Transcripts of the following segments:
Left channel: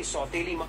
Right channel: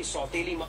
की सौतेली माँ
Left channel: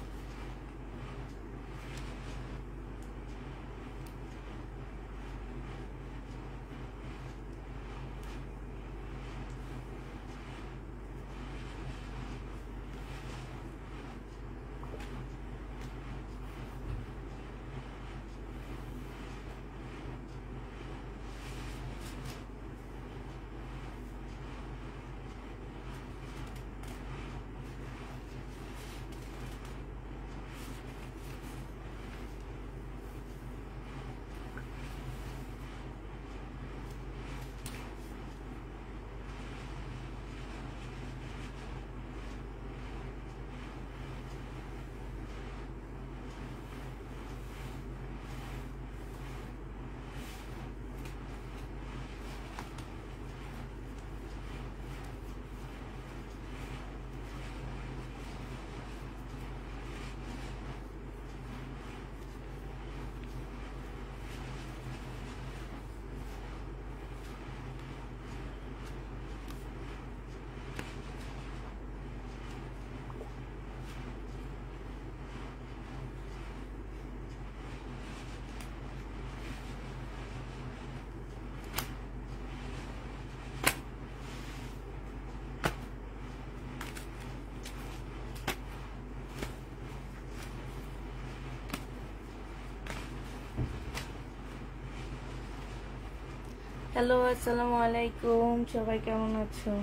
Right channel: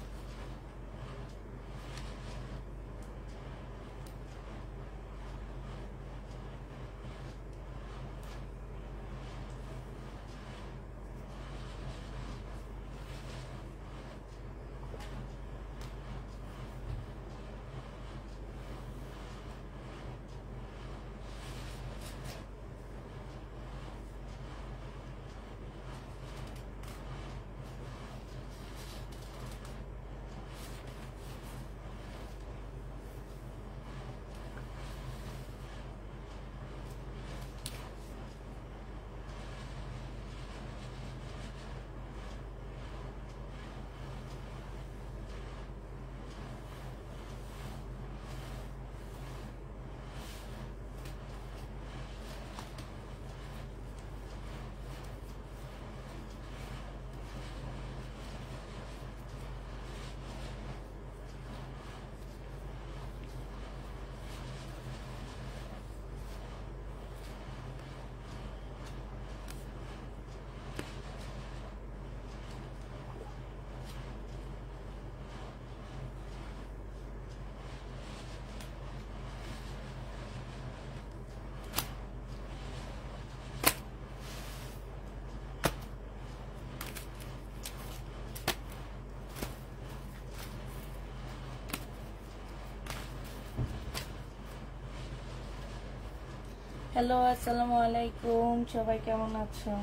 হ্যালো, আসসালামু আলাইকুম। সবাই কেমন আছো?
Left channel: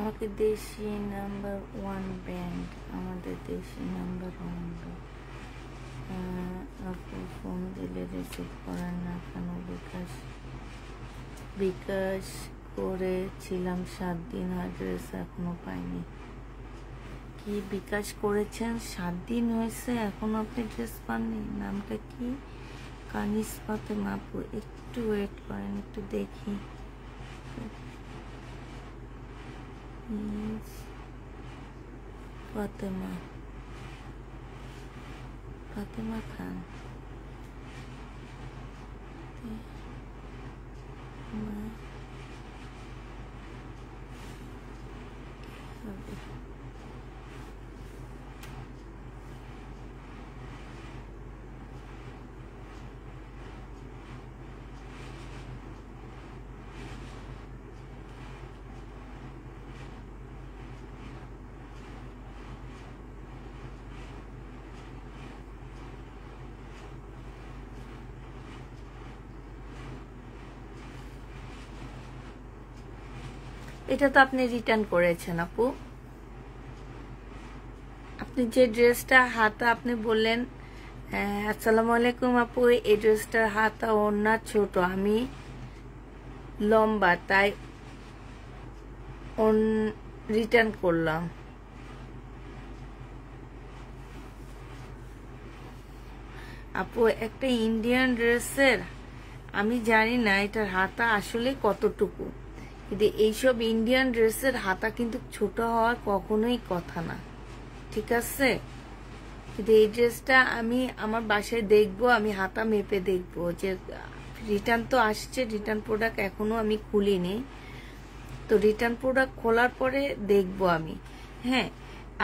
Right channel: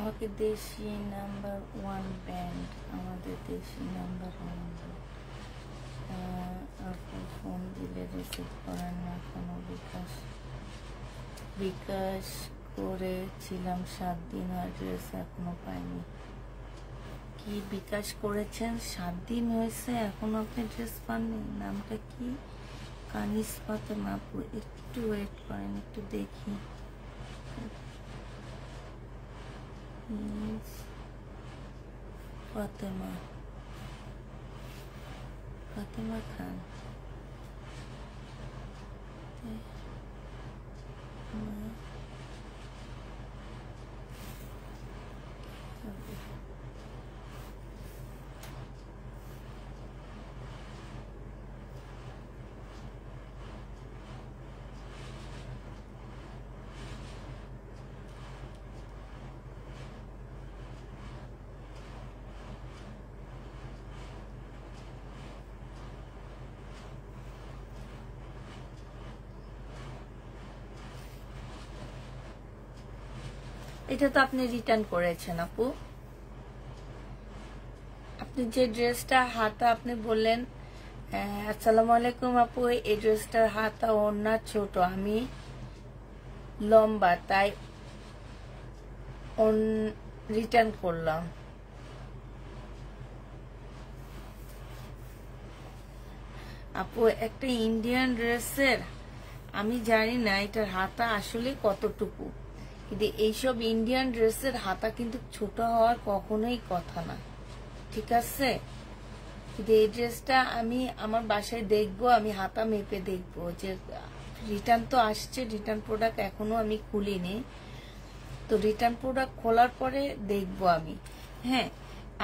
আমাকে দেশি নাম্বার 1 ব্যান্ড, আমাদের দেশি নাম্বার 1 আপু ফোন দিলে রিসিভ করার না কেন? বিকাশ করেছিলাম 7 দিন, অ্যাড্রেস এখনো পাইনি। কি বিকাশ করেছেন? 7 দিন হয়েছে, এখনো আপনি ড্রেস পাননি? নামটা কি? কানিস ফাতেমা আপু, একটু ওয়েট করেন, একটু দেখি। ফাতেমা খান, এটা তো আপনি রিটার্ন করেছেন আপু। আপনি যে ড্রেসটা হাতা আপনি বললেন, আসসালামু আলাইকুম আপু, এই ড্রেসটার হাতা ওড়না ছোট, আমি লম্বা, তাই রিটার্ন করলাম। আপু একটা ইন্ডিয়ান ড্রেসের আমি জানি না এটার হাতা আসলে কতটুকু, কিন্তু এইসব ইন্ডিয়ান ড্রেসের হাতা কিন্তু ছোট হওয়ার কখনোই কথা না, ঠিক আছে? কিন্তু এই ড্রেসটা আমি আমার বাসায় দেখবো, আমি হাতা মেপে দেখবো। যে রিটার্ন তো আসছে, রিটার্ন প্রোডাক্ট এখনো আমি খুলিনি, তো রিটার্ন প্রোডাক্ট খোলার পরে দেখবো আমি। হ্যাঁ,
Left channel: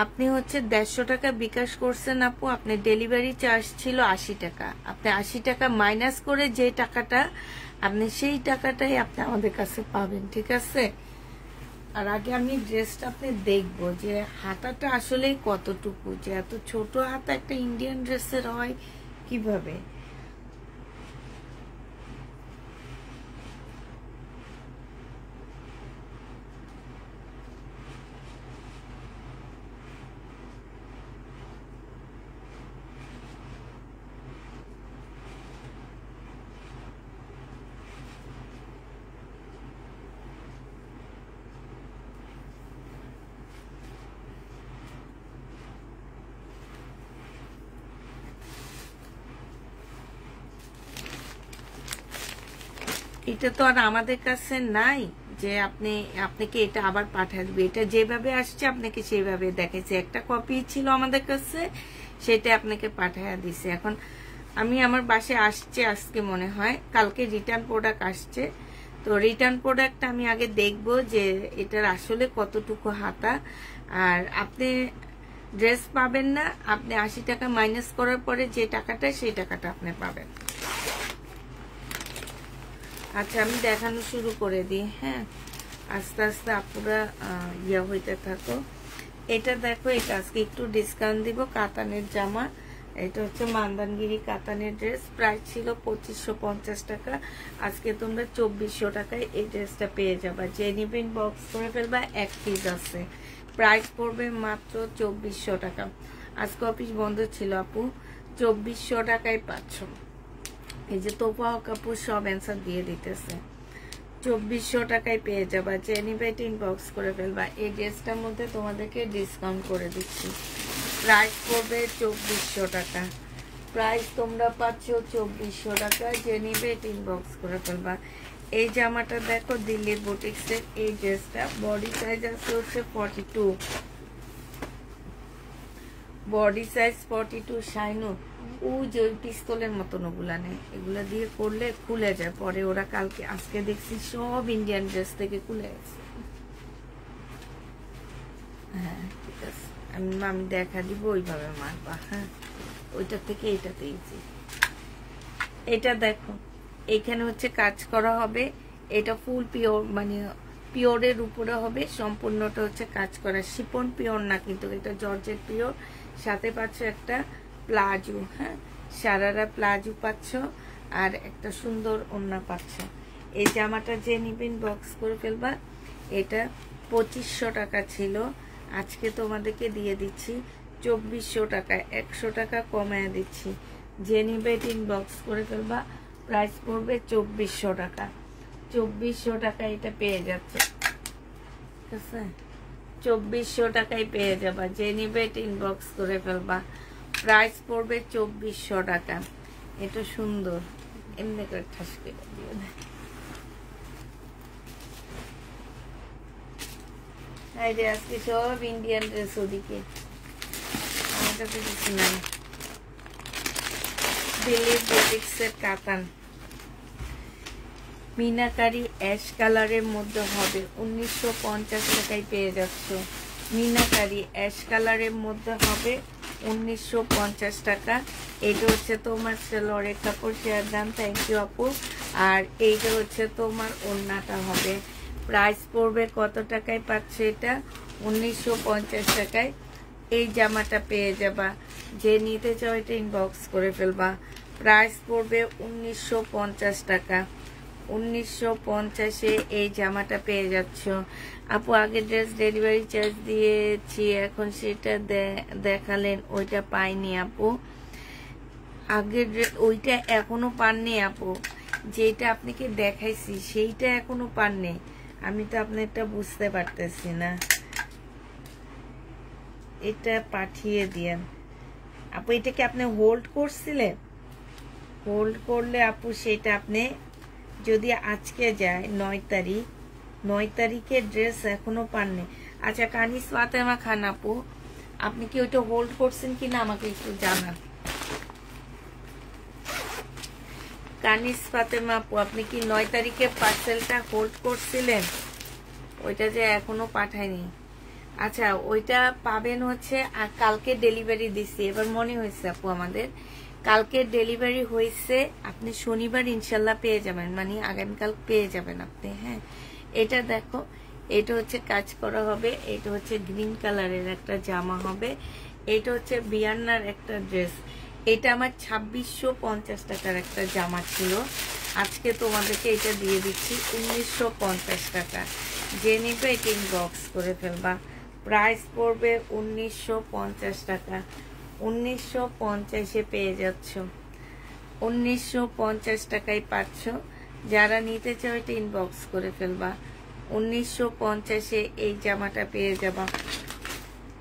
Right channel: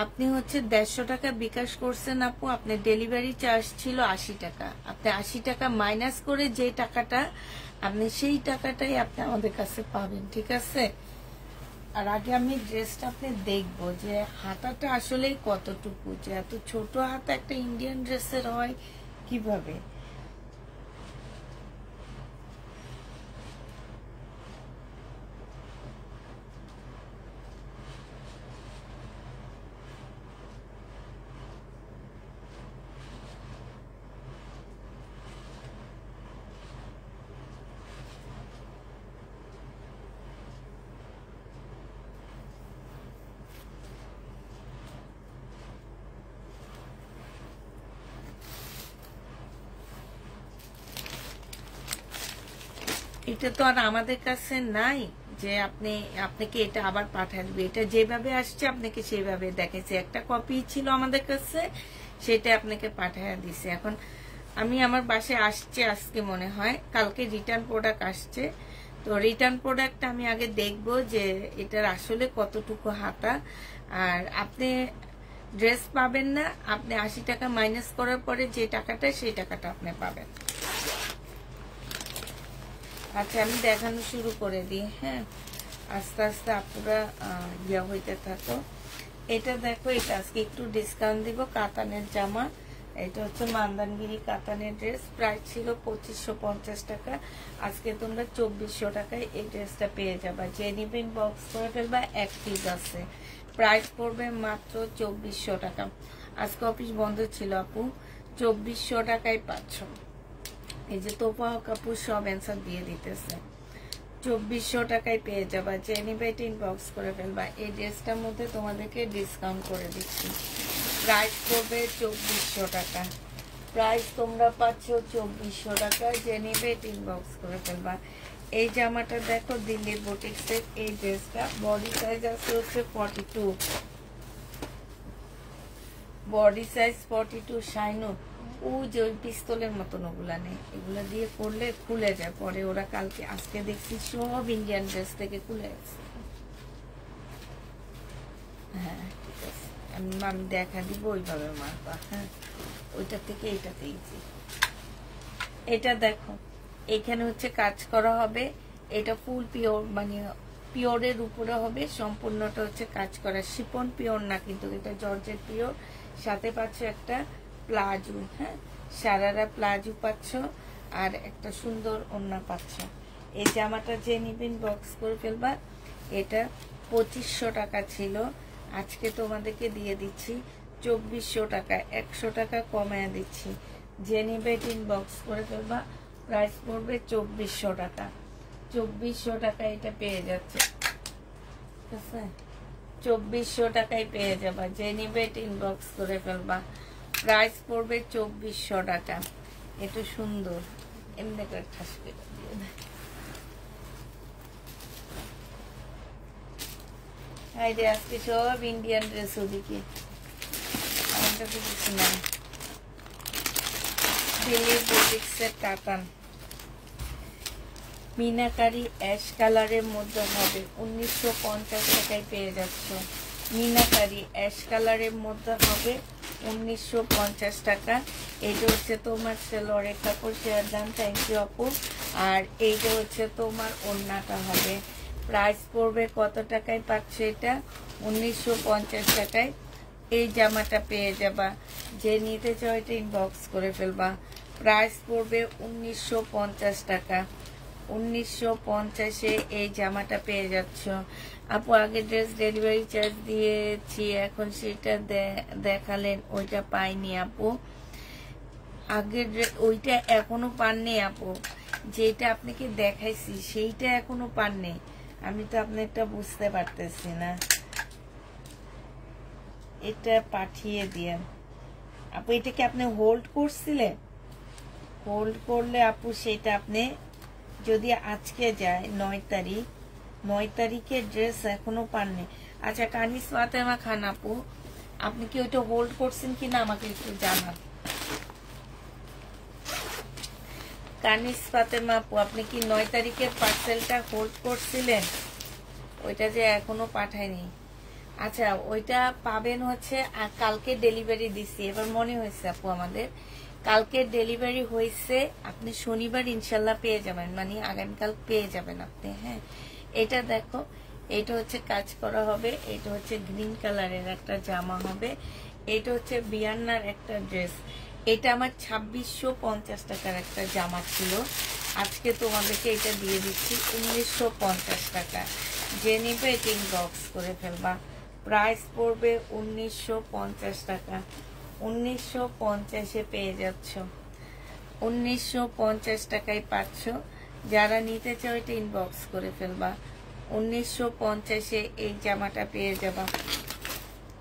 আপনি হচ্ছে 150 টাকা বিকাশ করছেন আপু, আপনার ডেলিভারি চার্জ ছিল 80 টাকা। আপনি 80 টাকা মাইনাস করে যে টাকাটা, আপনি সেই টাকাটাই আপনি আমাদের কাছে পাবেন, ঠিক আছে? আর আগে আমি ড্রেসটা আপনি দেখবো যে হাতাটা আসলে কতটুকু, যে এত ছোট হাতা একটা ইন্ডিয়ান ড্রেসের হয় কিভাবে। এটা তো আর আমাদের কাছে নাই যে আপনাকে এটা আবার পাঠিয়ে দিবে। এটা যেভাবে আসছে আপনাকে সেভাবে দেখেছে, একটা কপি ছিল আমাদের কাছে, সেটা আপনাকে পাঠিয়ে দিছে। এখন আমি আমার বাসায় আসছে আজকে মনে হয়, কালকে রিটার্ন প্রোডাক্ট আসছে। তো রিটার্ন প্রোডাক্টটা আমি আগে দেখব যে এটার আসলে কতটুকু হাতা। আর আপনি ড্রেস পাবেন না, আপনি 80 টাকা মাইনাস করার পরে যে টাকাটা, সেই টাকাটা আপনি পাবেন। আচ্ছা, আমি দেখানো শুরু করে দিই। হ্যাঁ, আস্তে আস্তে আপনারা ইয়া হইতে থাকো। এটা দেখো, এটা আজকে একটু ডিসকাউন্ট দিব। কাতানের জামা, এটা হচ্ছে মান্দানগিরি কাতানের ড্রেস। প্রাইস ছিল 2550 টাকা, আজকে তোমরা 2400 টাকায় এই ড্রেসটা পেয়ে যাবা। যে নিবেন বক্স করে ফেলবা, এক পিস আছে। প্রাইস পড়বে মাত্র 2400 টাকা। আজকে অফিস বন্ধ ছিল আপু, 2400 টাকায় পাচ্ছ। এই যে তোফা কাপড় সব অ্যান্সার দিয়ে দিতেছে। 2400 টাকায় পেয়ে যাবা। যে নিবে ইনবক্স করে ফেলবা। এই ড্রেসটার মধ্যে তোমাদেরকে ডিসকাউন্ট করে দিচ্ছি। প্রাইস পড়বে 2400 টাকা। প্রাইস তোমরা পাচ্ছ 2400 টাকা। যে নিবে ইনবক্স করে ফেলবা। এই জামাটা দেখো, দিল্লি বুটিক্সের এই ড্রেসটা। বডি সাইজ আছে হচ্ছে 42, বডি সাইজ 42। শাইনো ওই যে ওই পিস্তলের মতন ওগুলা নেই, এগুলা দিয়ে করলে খুলে যায় পরে। ওরা কালকে আজকে দেখছি সব ইন্ডিয়ান ড্রেস থেকে খুলে গেছে। হ্যাঁ ঠিক আছে, আমি দেখা দিব ওইভাবে মারবা। হ্যাঁ, ওইটা থেকে এইটাতে ইজি। এটা দেখো, এখানে হচ্ছে কাজ করা হবে। এটা ফুল পিওর, মানে পিওরের উপরে হবে। সম্পূর্ণটা হচ্ছে কাজ করা। শিপন পিওর না কিন্তু, এটা জর্জেট পিওর। সাথে পাচ্ছ একটা প্লাজো। হ্যাঁ, সারারা প্লাজো পাচ্ছ, আর একটা সুন্দর ওড়না পাচ্ছ। এই জামাটা যে নিবেন বক্স করে ফেলবা। এটা 2500 টাকা ছিল, আজকে তোমাদেরকে দিয়ে দিচ্ছি 2400 টাকা। 100 টাকা কমায় দিচ্ছি। যে নিবে বক্স করে ফেলবা। প্রাইস পড়বে 2400 টাকা। 2400 টাকা এটা পেয়ে যাচ্ছে, ঠিক আছে? 2400 টাকায় পেয়ে যাবা। যে নিবে ইনবক্স করে ফেলবা। প্রাইস পড়বে 2400 টাকা। এটা সুন্দর, এমনি করে ঠাস করে দিয়ে দেয়। এই যে আজকে সব ইন্ডিয়ান ড্রেস, ওদিকে আমাদের কিছু না। দিল্লি বুটিক্সের কাতান মিনাকারি অ্যাশ কালারের মধ্যে হবে, 1950 টাকায় পেয়ে যাচ্ছ। মিনাকারি অ্যাশ কালারের মধ্যে হবে 1950 টাকা। এইটা হচ্ছে তোমার সেলরের কাপড়। শেয়ার দাম, থ্যাংক ইউ আপু। আর এইটা হচ্ছে তোমার ওড়নাটা হবে। প্রাইস পড়বে কত টাকায় পাচ্ছে এটা? 1950 টাকায় এই জামাটা পেয়ে যাবা। যে নিতে চাও এটা ইনবক্স করে ফেলবা। প্রাইস পড়বে 1950 টাকা। 1950-এ এই জামাটা পেয়ে যাচ্ছ আপু। আগে ড্রেস ডেলিভারি চার্জ দিয়েছি, এখন সেটা দেখালেন, ওইটা পাইনি আপু। আগে ওইটা এখনো পাননি আপু, যেটা আপনাকে দেখাইছি সেইটা এখনো পাননি। আমি তো আপনারটা বুঝতে পারতেছি না। এটা পাঠিয়ে দিয়েন আপু। এটাকে আপনি হোল্ড করছিলেন? হোল্ড করলে আপু সেটা আপনি যদি আজকে যায় 9 তারিখ, 9 তারিখের ড্রেস এখনো পাননি। আচ্ছা, কানিস ফাতেমা খান আপু, আপনি কি ওইটা হোল্ড করছেন কিনা আমাকে একটু জানান। কানিস ফাতেমা আপু, আপনি কি 9 তারিখের পার্সেলটা হোল্ড করছিলেন? ওইটা যে এখনো পাঠায়নি। আচ্ছা, ওইটা পাবেন হচ্ছে কালকে ডেলিভারি দিছি। এবার মনে হয়েছে আপু আমাদের কালকে ডেলিভারি হয়েছে, আপনি শনিবার ইনশাল্লাহ পেয়ে যাবেন, মানে আগামীকাল পেয়ে যাবেন আপনি। হ্যাঁ, এটা দেখো, এটা হচ্ছে কাজ করা হবে। এটা হচ্ছে গ্রিন কালারের একটা জামা হবে। এটা হচ্ছে বিয়ান্নার একটা ড্রেস। এটা আমার 2650 টাকার একটা জামা ছিল, আজকে তোমাদেরকে এটা দিয়ে দিচ্ছি 1950 টাকা। যে নিবে এটা ইনবক্স করে ফেলবা। প্রাইস পড়বে 1950 টাকা। 1950-এ পেয়ে যাচ্ছ, 1950 টাকায় পাচ্ছ। যারা নিতে চাও এটা ইনবক্স করে ফেলবা। 1950-এ এই জামাটা পেয়ে যাবা।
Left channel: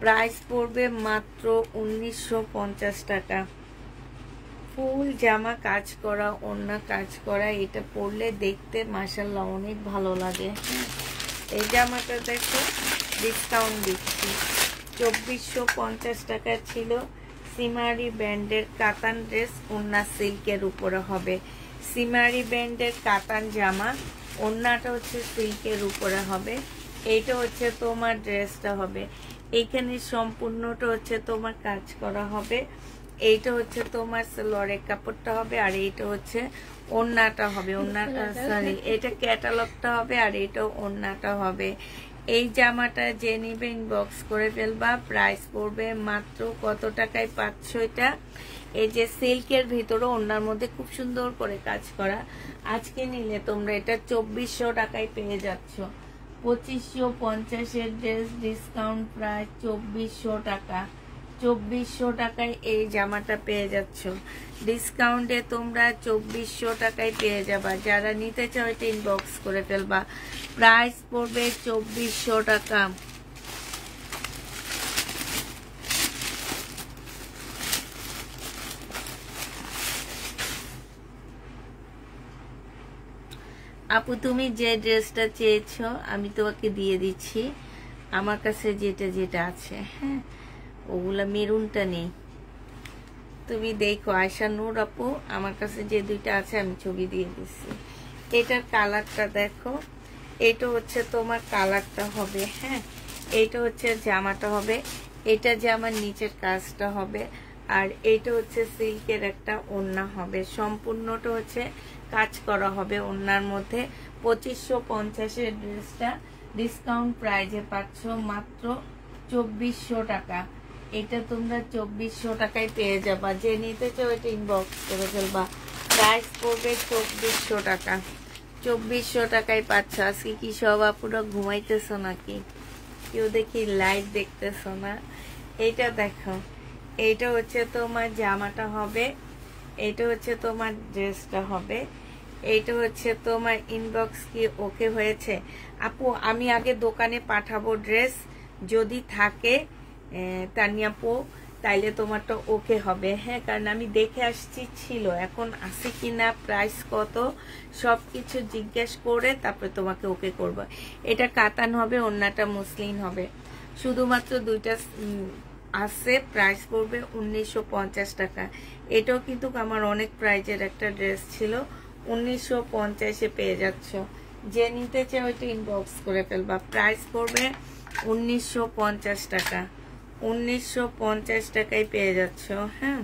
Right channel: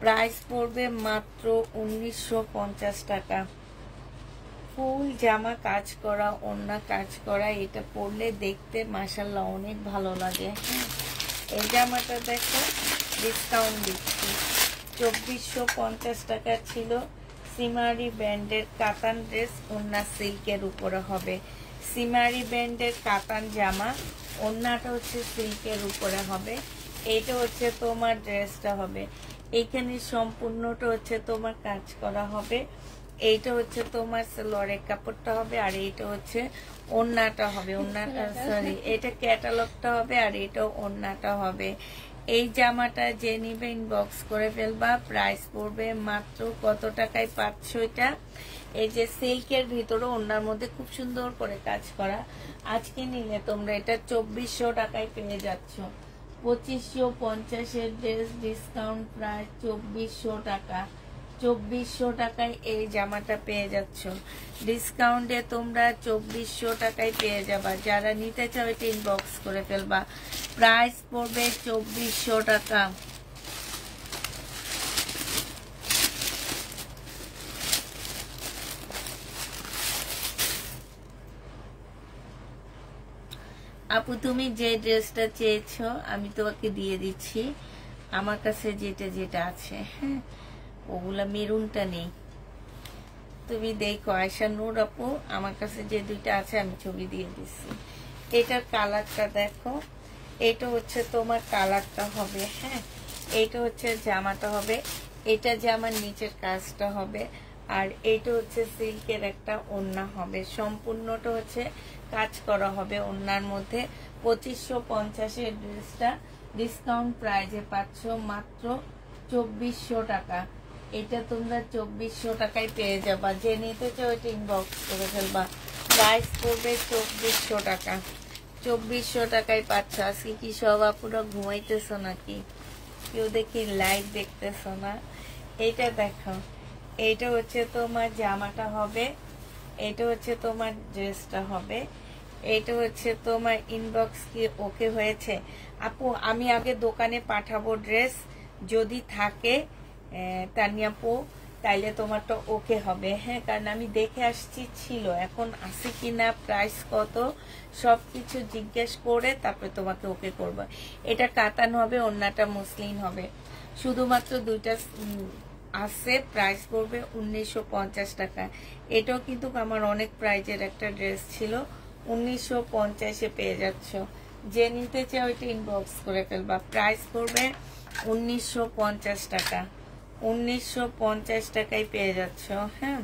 প্রাইস পড়বে মাত্র 1950 টাকা। ফুল জামা কাজ করা, ওড়না কাজ করা, এটা পরলে দেখতে মাশাআল্লাহ অনেক ভালো লাগে। এই জামাটা দেখো ডিসকাউন্ট দিচ্ছি, 2450 টাকা ছিল। সিমারি ব্র্যান্ডের কাতান ড্রেস, ওড়না সিল্কের উপরে হবে। সিমারি ব্র্যান্ডের কাতান জামা, ওড়নাটা হচ্ছে সিল্কের উপরে হবে। এইটা হচ্ছে তোমার ড্রেসটা হবে, এইখানে সম্পূর্ণটা হচ্ছে তোমার কাজ করা হবে। এইটা হচ্ছে তোমার সালোয়ারের কাপড়টা হবে, আর এইটা হচ্ছে ওড়নাটা হবে। ওড়নাটা সরি, এটা ক্যাটালগটা হবে, আর এটা ওড়নাটা হবে। এই জামাটা যে নিবে ইনবক্স করে ফেলবা। প্রাইস পড়বে মাত্র কত টাকায় পাচ্ছ এটা? এই যে সিল্কের ভিতরে ওড়নার মধ্যে খুব সুন্দর করে কাজ করা, আজকে নিলে তোমরা এটা 2400 টাকায় পেয়ে যাচ্ছ। 2550 ড্রেস, ডিসকাউন্ট প্রাইস 2400 টাকা। 2400 টাকায় এই জামাটা পেয়ে যাচ্ছ। ডিসকাউন্টে তোমরা 2400 টাকায় পেয়ে যাবা। যারা নিতে চাও এটা ইনবক্স করে ফেলবা। প্রাইস পড়বে 2400 টাকা। আপু তুমি যে ড্রেসটা চেয়েছো আমি তোমাকে দিয়ে দিচ্ছি। আমার কাছে যেটা যেটা আছে, হ্যাঁ, ওগুলা মেরুনটা নেই। তুমি দেখো আয়শা নূর আপু, আমার কাছে যে দুইটা আছে আমি ছবি দিয়ে দিচ্ছি। এটার কালারটা দেখো, এটা হচ্ছে তোমার কালারটা হবে, হ্যাঁ, এটা হচ্ছে জামাটা হবে, এটা জামার নিচের কাজটা হবে, আর এটা হচ্ছে সিল্কের একটা ওড়না হবে। সম্পূর্ণটা হচ্ছে কাজ করা হবে ওড়নার মধ্যে। 2550 ড্রেসটা ডিসকাউন্ট প্রাইজে পাচ্ছ মাত্র 2400 টাকা। এটা তোমরা 2400 টাকায় পেয়ে যাবা। যে নিতে চাও এটা ইনবক্স করে ফেলবা। প্রাইস পড়বে 2400 টাকা। 2400 টাকায় পাচ্ছ। আজকে কি সব আপুরা ঘুমাইতেছো নাকি? কেউ দেখি লাইভ দেখতেছো না? এইটা দেখো, এইটা হচ্ছে তোমার জামাটা হবে, এটা হচ্ছে তোমার ড্রেসটা হবে। এইটা হচ্ছে তোমার ইনবক্স কি ওকে হয়েছে? আপু আমি আগে দোকানে পাঠাবো ড্রেস, যদি থাকে তানিয়াপু তাইলে তোমারটা ওকে হবে, হ্যাঁ, কারণ আমি দেখে আসছি ছিল, এখন আছে কিনা, প্রাইস কত, সবকিছু জিজ্ঞেস করে তারপরে তোমাকে ওকে করবো। এটা কাতান হবে, ওড়নাটা মসলিন হবে। শুধুমাত্র দুইটা আছে, প্রাইস পড়বে 1950 টাকা। এটাও কিন্তু আমার অনেক প্রাইজের একটা ড্রেস ছিল, 1950-এ পেয়ে যাচ্ছ। যে নিতে চাও ওইটা ইনবক্স করে ফেলবা। প্রাইস পড়বে 1950 টাকা। 1950 টাকায় পেয়ে যাচ্ছ, হ্যাঁ।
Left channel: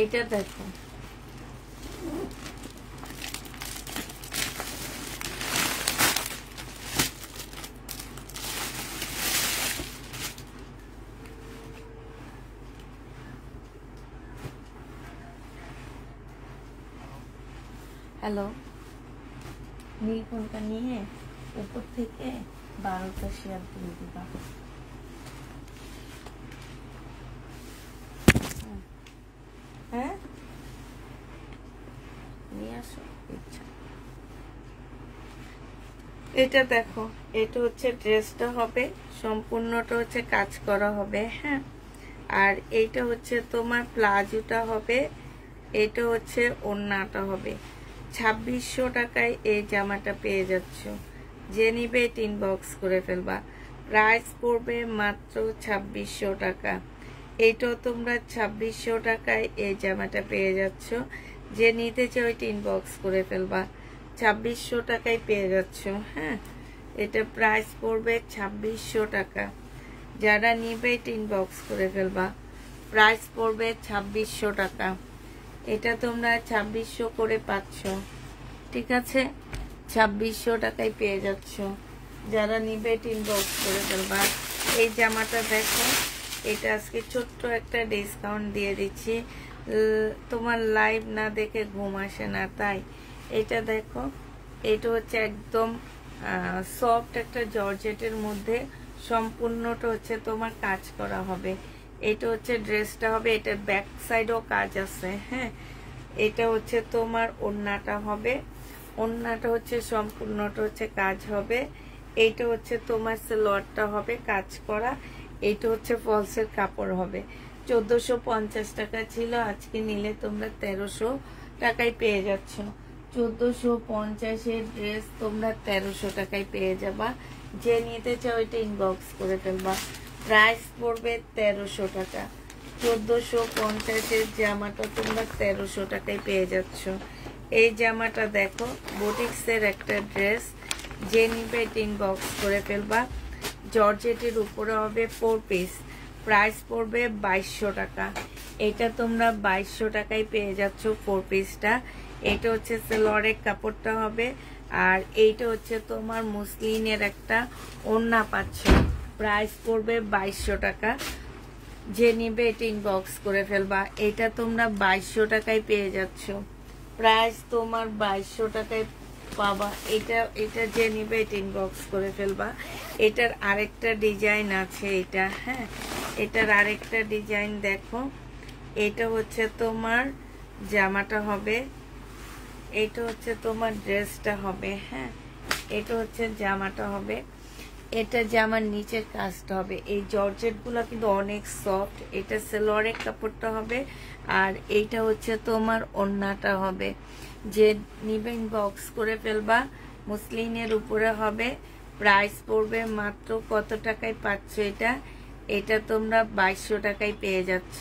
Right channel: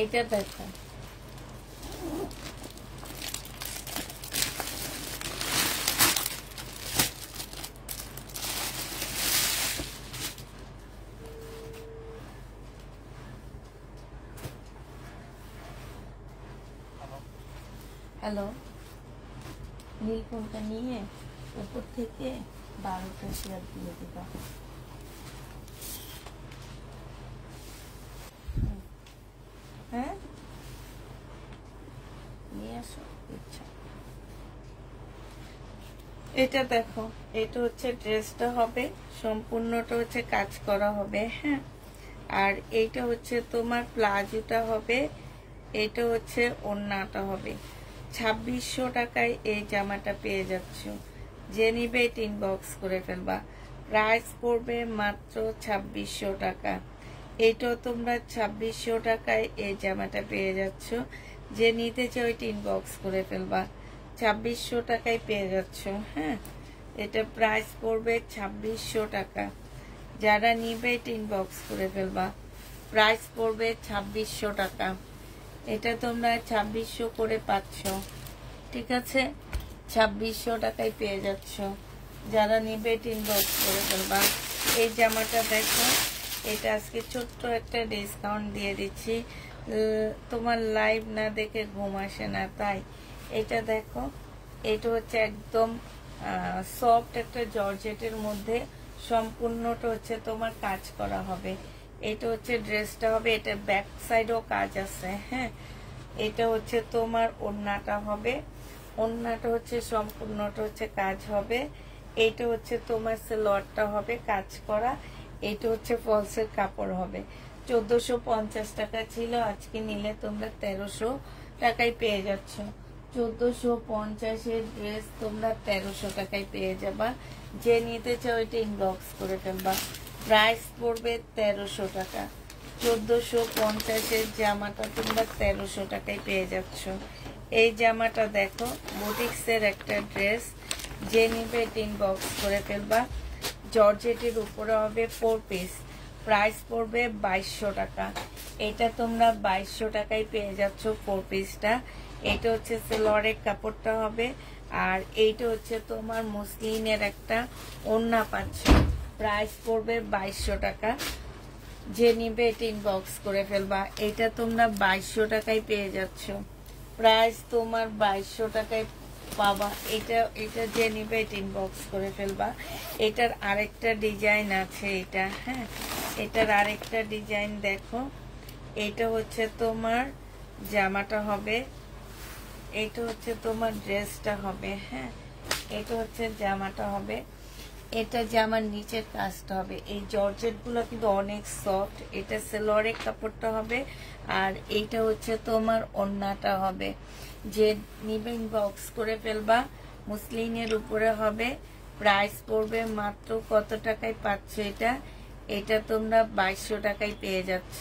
এইটা দেখো, হ্যালো, নীল ফোনটা নিয়ে উপর থেকে 12টা শেয়ার দিয়ে দিবা। হ্যাঁ, নিয়ে আসো। ইচ্ছা এটা দেখো, এটা হচ্ছে ড্রেসটা হবে, সম্পূর্ণটা হচ্ছে কাজ করা হবে, হ্যাঁ, আর এইটা হচ্ছে তোমার প্লাজোটা হবে, এটা হচ্ছে ওড়নাটা হবে। 2600 টাকায় এই জামাটা পেয়ে যাচ্ছ। যে নিবে এটা ইনবক্স করে ফেলবা। প্রাইস পড়বে মাত্র 2600 টাকা। এইটাও তোমরা 2600 টাকায় এই জামাটা পেয়ে যাচ্ছ। যে নিতে চাও এটা ইনবক্স করে ফেলবা। 2600 টাকায় পেয়ে যাচ্ছ, হ্যাঁ। এটা প্রাইস পড়বে 2600 টাকা। যারা নিবে এটা ইনবক্স করে ফেলবা। প্রাইস পড়বে 2600 টাকা। এটা তোমরা 2600 করে পাচ্ছ, ঠিক আছে। 2600 টাকায় পেয়ে যাচ্ছ। যারা নিবে এটা ইনবক্স করে ফেলবা। এই জামাটা দেখো, এটা আজকে ছোট্ট একটা ডিসকাউন্ট দিয়ে দিচ্ছি। তোমার লাইভ না দেখে ঘুম আসে না, তাই এটা দেখো, এটা হচ্ছে একদম সফট একটা জর্জেটের মধ্যে, সম্পূর্ণটা হচ্ছে তোমার কাজ করা হবে। এটা হচ্ছে ড্রেসটা হবে, এটার ব্যাক সাইডও কাজ আছে। হ্যাঁ, এটা হচ্ছে তোমার ওড়নাটা হবে, ওড়নাটা হচ্ছে সম্পূর্ণটা হচ্ছে কাজ হবে। এইটা হচ্ছে তোমার সালোয়ারটা হবে কাজ করা, এইটা হচ্ছে ফলসের কাপড় হবে। 1450 টাকা ছিল, আজকে নিলে তোমরা 1300 টাকায় পেয়ে যাচ্ছ। 1450-এর ড্রেস তোমরা 1300 টাকায় পেয়ে যাবা। যে নিতে চাও এটা ইনবক্স করে ফেলবা। প্রাইস পড়বে 1300 টাকা। 1450-এর জামাটা তোমরা 1300 টাকায় পেয়ে যাচ্ছ। এই জামাটা দেখো, বুটিক্সের একটা ড্রেস, যে নিবে এটা ইনবক্স করে ফেলবা। জর্জেটের উপরে হবে 4 পিস, প্রাইস পড়বে 2200 টাকা। এটা তোমরা 2200 টাকায় পেয়ে যাচ্ছ 4 পিসটা। এটা হচ্ছে সেলোয়ারের কাপড়টা হবে, আর এইটা হচ্ছে তোমার মুসলিনের একটা ওড়না পাচ্ছ, প্রাইস পড়বে 2200 টাকা। যে নিবে এটা ইনবক্স করে ফেলবা। এটা তোমরা 2200 টাকায় পেয়ে যাচ্ছ, প্রাইস তোমার 2200 টাকায় পাবা। এটা যে নিবে এটা ইনবক্স করে ফেলবা। এটার আরেকটা ডিজাইন আছে, এটা হ্যাঁ, এটার আরেকটা ডিজাইন দেখো। এটা হচ্ছে তোমার জামাটা হবে, এটা হচ্ছে তোমার ড্রেসটা হবে। হ্যাঁ, এটা হচ্ছে জামাটা হবে, এটা জামার নিচের কাজটা হবে। এই জর্জেট গুলো কিন্তু অনেক সফট। এটা সেলোয়ারের কাপড়টা হবে, আর এইটা হচ্ছে তোমার ওড়নাটা হবে। যে নিবে ইনবক্স করে ফেলবা। মুসলিনের উপরে হবে, প্রাইস পড়বে মাত্র কত টাকায় পাচ্ছ এটা? এটা তোমরা 2200 টাকায় পেয়ে যাচ্ছ।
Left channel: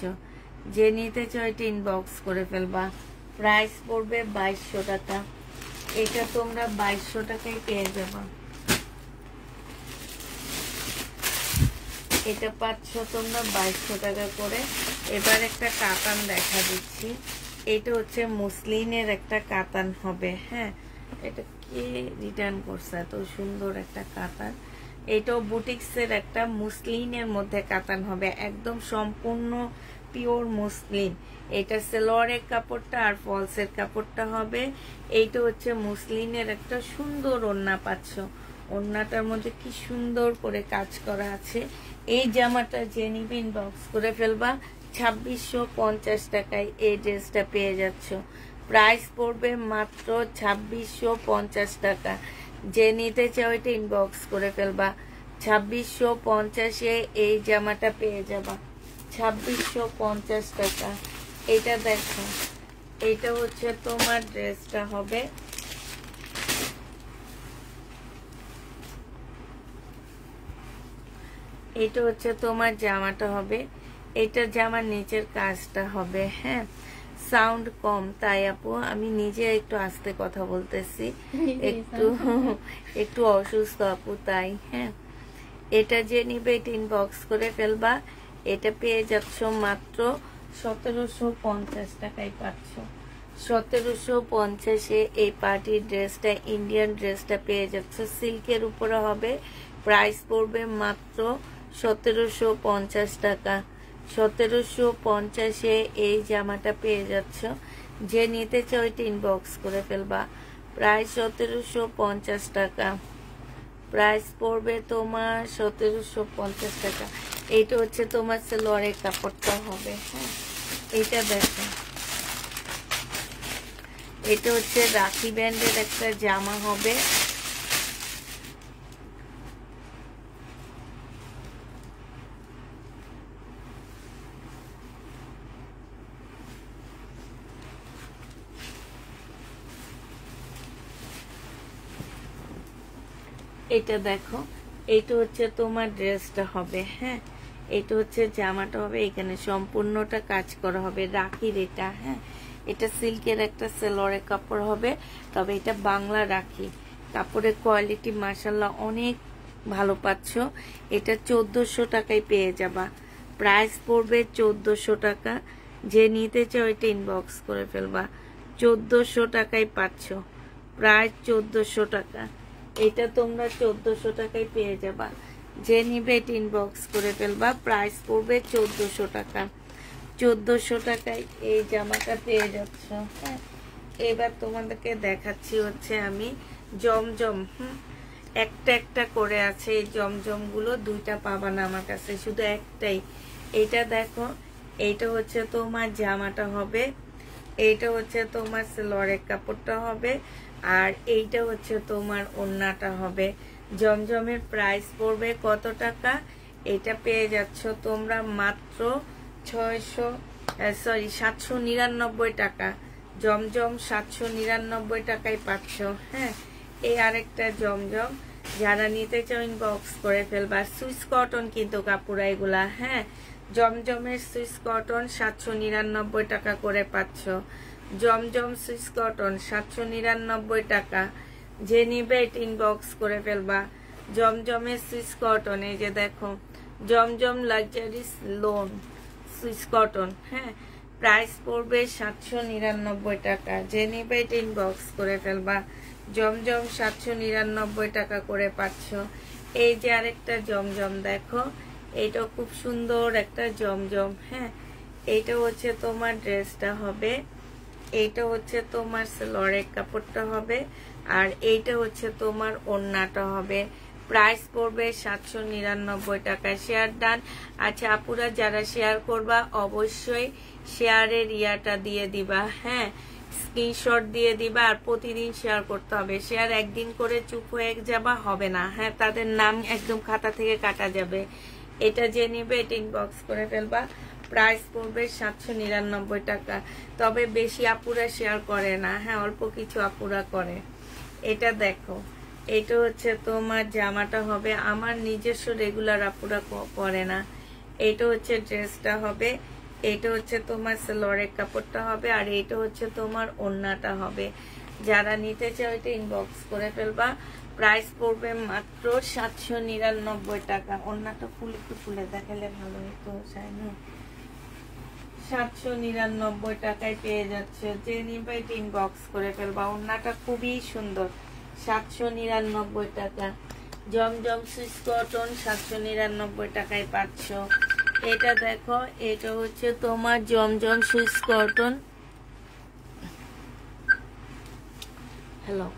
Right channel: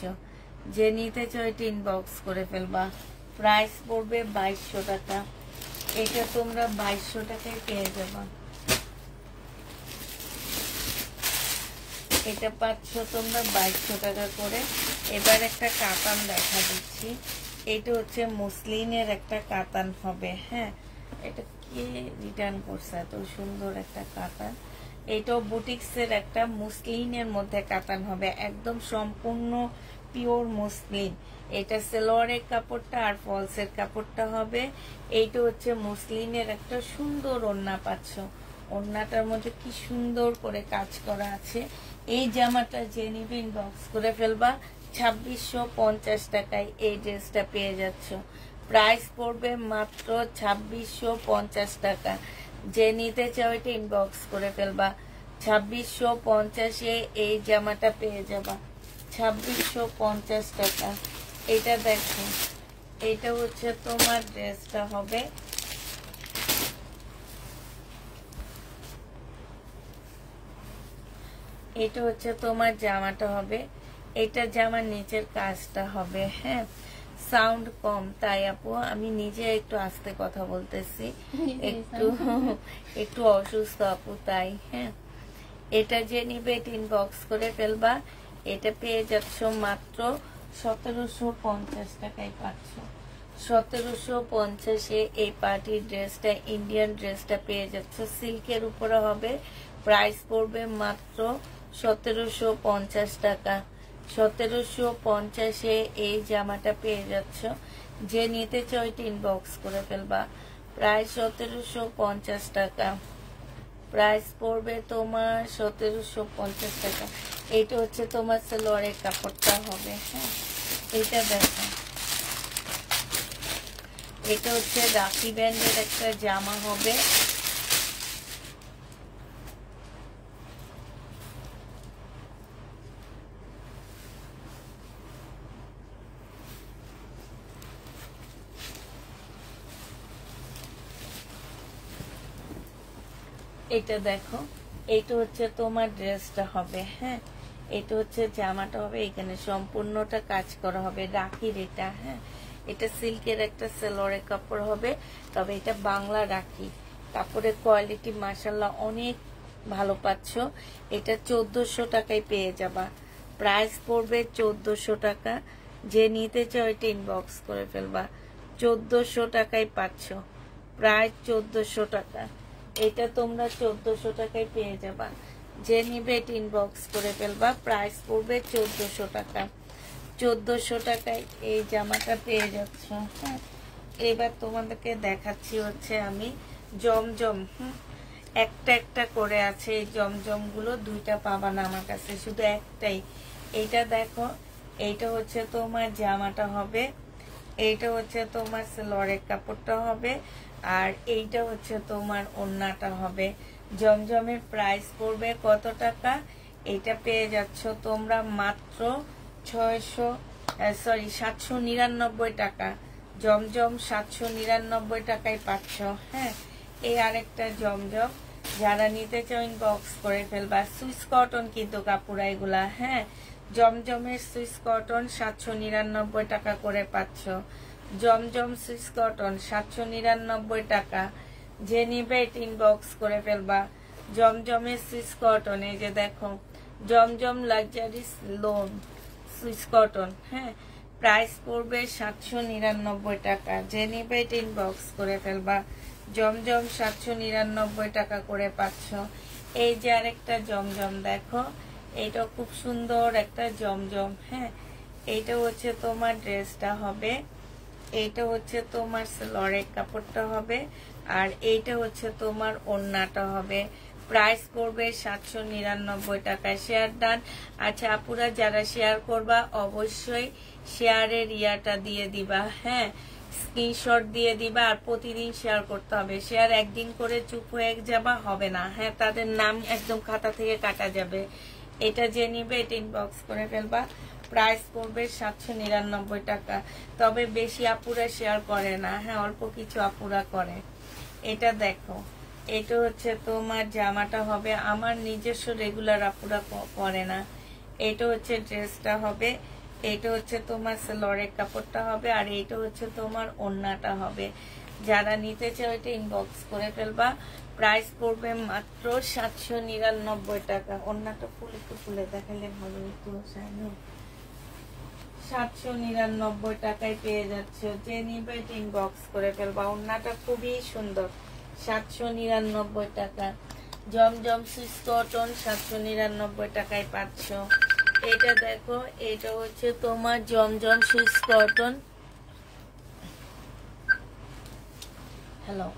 যে নিতে চাও এটা ইনবক্স করে ফেলবা। প্রাইস পড়বে 2200 টাকা। এটা তোমরা 2200 টাকায় পেয়ে যাবা। এটা পাচ্ছ তোমরা 2200 টাকা করে। এবার একটা কাতান দেখা দিচ্ছি। এটা হচ্ছে মুসলিনের একটা কাতান হবে। হ্যাঁ, এটা কি রিটার্ন করছে, এত সুন্দর একটা কাতান। এটাও বুটিক্সের একটা মুসলিনের মধ্যে কাতান হবে, একদম সম্পূর্ণ পিওর মুসলিন। এটা সালোয়ারের কাপড়টা আর ফলসের কাপড়টা হবে। এইটা হচ্ছে মুসলিনের একটা সুন্দর ওড়না পাচ্ছ, ওড়নাটার মধ্যে কি সুন্দর করে কাজ করা আছে। এই জামাটা যে নিবে ইনবক্স করে ফেলবা। 2650 টাকায় এই ড্রেসটা পেয়ে যাচ্ছ। প্রাইস পড়বে মাত্র 2650 টাকা। যে নিতে চাও এটা ইনবক্স করে ফেলবা। 2650-এ এই জামাটা পেয়ে যাবা। 2650 টাকা। এটা দেখো, এটা হচ্ছে তোমার ড্রেসটা হবে। এটা হচ্ছে তোমার জামাটা হবে, এটা জামার নিচের কাজটা হবে। হ্যাঁ, সাউন্ড কম তাই আপু আমি নিজে একটু আস্তে কথা বলতেছি, একটু অসুস্থ আপু তাই। হ্যাঁ, এটা যে নিবে এটা ইনবক্স করে ফেলবা। এটা পেয়ে যাচ্ছ মাত্র 1750 টাকায় পাচ্ছ। 1750-এ এই পার্টির ড্রেসটা, ইন্ডিয়ান ড্রেসটা পেয়ে যাচ্ছ। সিল্কের উপরে হবে, প্রাইস পড়বে মাত্র 1750 টাকা। 1750-এ এই জামাটা পেয়ে যাচ্ছ। যে নিতে চাও এটা ইনবক্স করে ফেলবা। প্রাইস 1750 টাকা। প্রাইস পড়বে তোমার 1750 টাকা। এটা হচ্ছে তোমার সালোয়ারের কাপড়টা হবে। হ্যাঁ, এটা দেখো, এটা হচ্ছে রাখি ব্যান্ডের একটা জামা হবে। এটা দেখো, এটা হচ্ছে তোমার ড্রেসটা হবে। হ্যাঁ, এটা হচ্ছে জামাটা হবে, এখানে সম্পূর্ণটা কাজ করা হবে রাখির এটা। হ্যাঁ, এটা সিল্কের একটা সালোয়ারের কাপড় হবে, তবে এটা বাংলা রাখি। কাপড়ের কোয়ালিটি মাশাআল্লাহ অনেক ভালো পাচ্ছ। এটা 1400 টাকায় পেয়ে যাবা। প্রাইস পড়বে 1400 টাকা। যে নিতে চাও এটা ইনবক্স করে ফেলবা। 1400 টাকায় পাচ্ছ, প্রাইস 1400 টাকা। এটা তোমরা 1400 টাকায় পেয়ে যাবা। যে নিবে এটা ইনবক্স করে ফেলবা। প্রাইস পড়বে 1400 টাকা। 1400 টাকায় এই জামাটা পেয়ে যাচ্ছ। হ্যাঁ, এবার তোমাদেরকে দেখাচ্ছি হচ্ছে আমি জমজম। একটা একটা করে আছে এই জমজম গুলো, দুইটা পাবা না আমার কাছে, শুধু একটাই। এটা দেখো, এইটা হচ্ছে তোমার জামাটা হবে, এইটা হচ্ছে তোমার সালোয়ারের কাপড়টা হবে, আর এইটা হচ্ছে তোমার ওড়নাটা হবে। জমজমের প্রাইস পড়বে কত টাকা? এটা পেয়ে যাচ্ছ তোমরা মাত্র 799 টাকা। জমজম 799 টাকায় পাচ্ছ। হ্যাঁ, এই আরেকটা জমজম, যারা নিতে চাও ইনবক্স করে ফেলবা। সুইস কটন কিন্তু কাপড় এগুলা। হ্যাঁ, জমজমের সুইস কটন 799 টাকা করে পাচ্ছ। জমজম সুইস কটন 799 টাকা। যে নিবে ইনবক্স করে ফেলবা। জমজমের সুইস কটন, এই যে দেখো, জমজম লাক্সারি লোন সুইস কটন। হ্যাঁ, প্রাইস পড়বে 799 টাকা। যে নিবে ইনবক্স করে ফেলবা। জমজম 799 টাকা করে পাচ্ছ। এই যে আরেকটা জমজম দেখো, এইটা খুব সুন্দর একটা জমজম। হ্যাঁ, এইটা হচ্ছে তোমার ড্রেসটা হবে, এইটা হচ্ছে তোমার সালোয়ারের কাপড়টা হবে, আর এইটা হচ্ছে তোমার ওড়নাটা হবে। প্রাইস পড়বে 799 টাকা। Share done. আচ্ছা আপুরা, যারা শেয়ার করবা অবশ্যই শেয়ারের ইয়াটা দিয়ে দিবা। হ্যাঁ, স্ক্রিনশট দিয়ে দিবা, আর প্রতিদিন শেয়ার করতে হবে। শেয়ার একদিন করে চুপ হয়ে যাবা হবে না। হ্যাঁ, তাদের নাম একদম খাতা থেকে কাটা যাবে। এটা যে নিবে এটা ইনবক্স করে ফেলবা। প্রাইস পড়বে 799 টাকা। তবে বেশি আপুরা শেয়ার করে না। হ্যাঁ, অল্প কিছু আপুরা করে। এটা দেখো, এটা হচ্ছে তোমার জামাটা হবে। আমার নিজস্ব রেগুলার আপুরা করে না। এটা হচ্ছে ড্রেসটা হবে, এটা হচ্ছে তোমার সালোয়ারের কাপড়টা হবে, আর এটা হচ্ছে তোমার ওড়নাটা হবে। যারা নিতে চাও এটা ইনবক্স করে ফেলবা। প্রাইস পড়বে মাত্র 799 টাকা। ওড়নাটা একটু খুলে দেখালে ভালো হতো। 799 টাকায় পেয়ে যাচ্ছে। যে নিবে এটা ইনবক্স করে ফেলবা। ওড়নাটা খুবই সুন্দর। 799 টাকা। জমজম সুইস কটন 799 টাকায় পাচ্ছ। এটা দেখো, এটা হচ্ছে তোমার জমজম সুইস কটন। হ্যালো,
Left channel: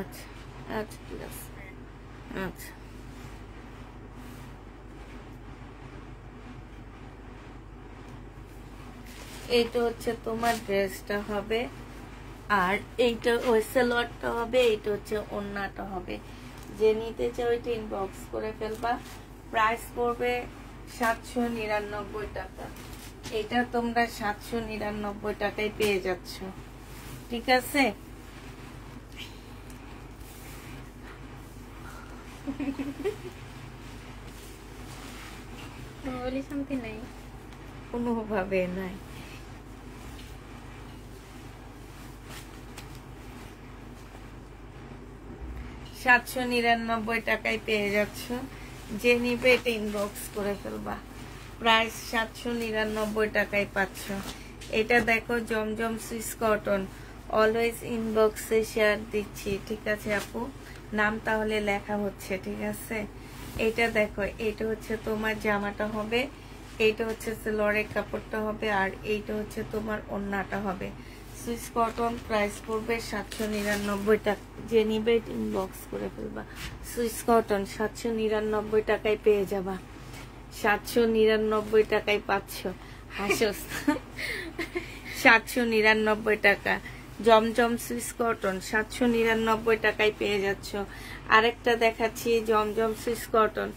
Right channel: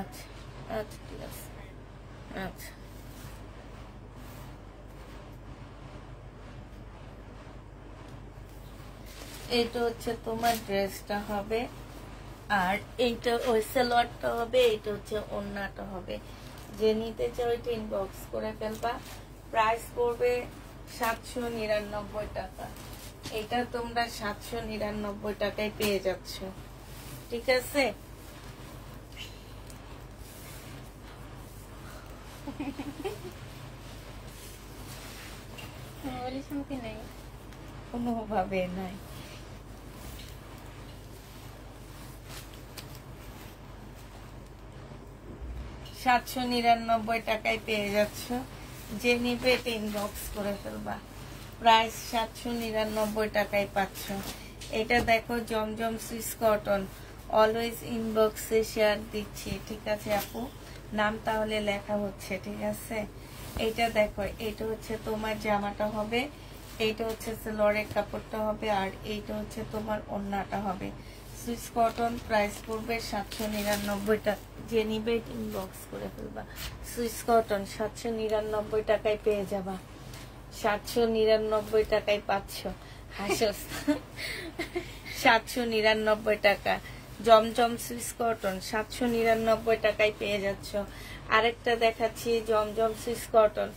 আচ্ছা আচ্ছা ঠিক আছে। আচ্ছা, এইটা হচ্ছে তোমার ড্রেসটা হবে, আর এইটা ওই সালোয়ারটা হবে, এইটা হচ্ছে ওড়নাটা হবে। যে নিতে চাও ওইটা ইনবক্স করে ফেলবা। প্রাইস পড়বে 799 টাকা। এটা তোমরা 799 টাকায় পেয়ে যাচ্ছ। ঠিক আছে, শান্তি নাই, কোনোভাবে নাই। 799 টাকায় পেয়ে যাচ্ছ। যে নিবে এটা ইনবক্স করে ফেলবা। প্রাইস 799 টাকায় পাচ্ছ। এটা দেখো, জমজম সুইস কটন। অলওয়েজ ইনবক্সে শেয়ার দিচ্ছি। ঠিক আছে আপু, নাম তাহলে লেখা হচ্ছে। ঠিক আছে, এটা দেখো, এটা হচ্ছে তোমার জামাটা হবে, এইটা হচ্ছে সালোয়ারের কাপড়টা হবে, আর এইটা হচ্ছে তোমার ওড়নাটা হবে। Swiss cotton. প্রাইস পড়বে 799 টাকা। যে নিবে ইনবক্স করে ফেলবা। সুইস কটন 799 টাকায় পেয়ে যাবা। 799 টাকায় পাচ্ছ। হাসস 799 টাকা। জমজম সুইস কটন 799 টাকায় পেয়ে যাচ্ছ। আরেকটা দেখাচ্ছি, জমজম সুইস কটন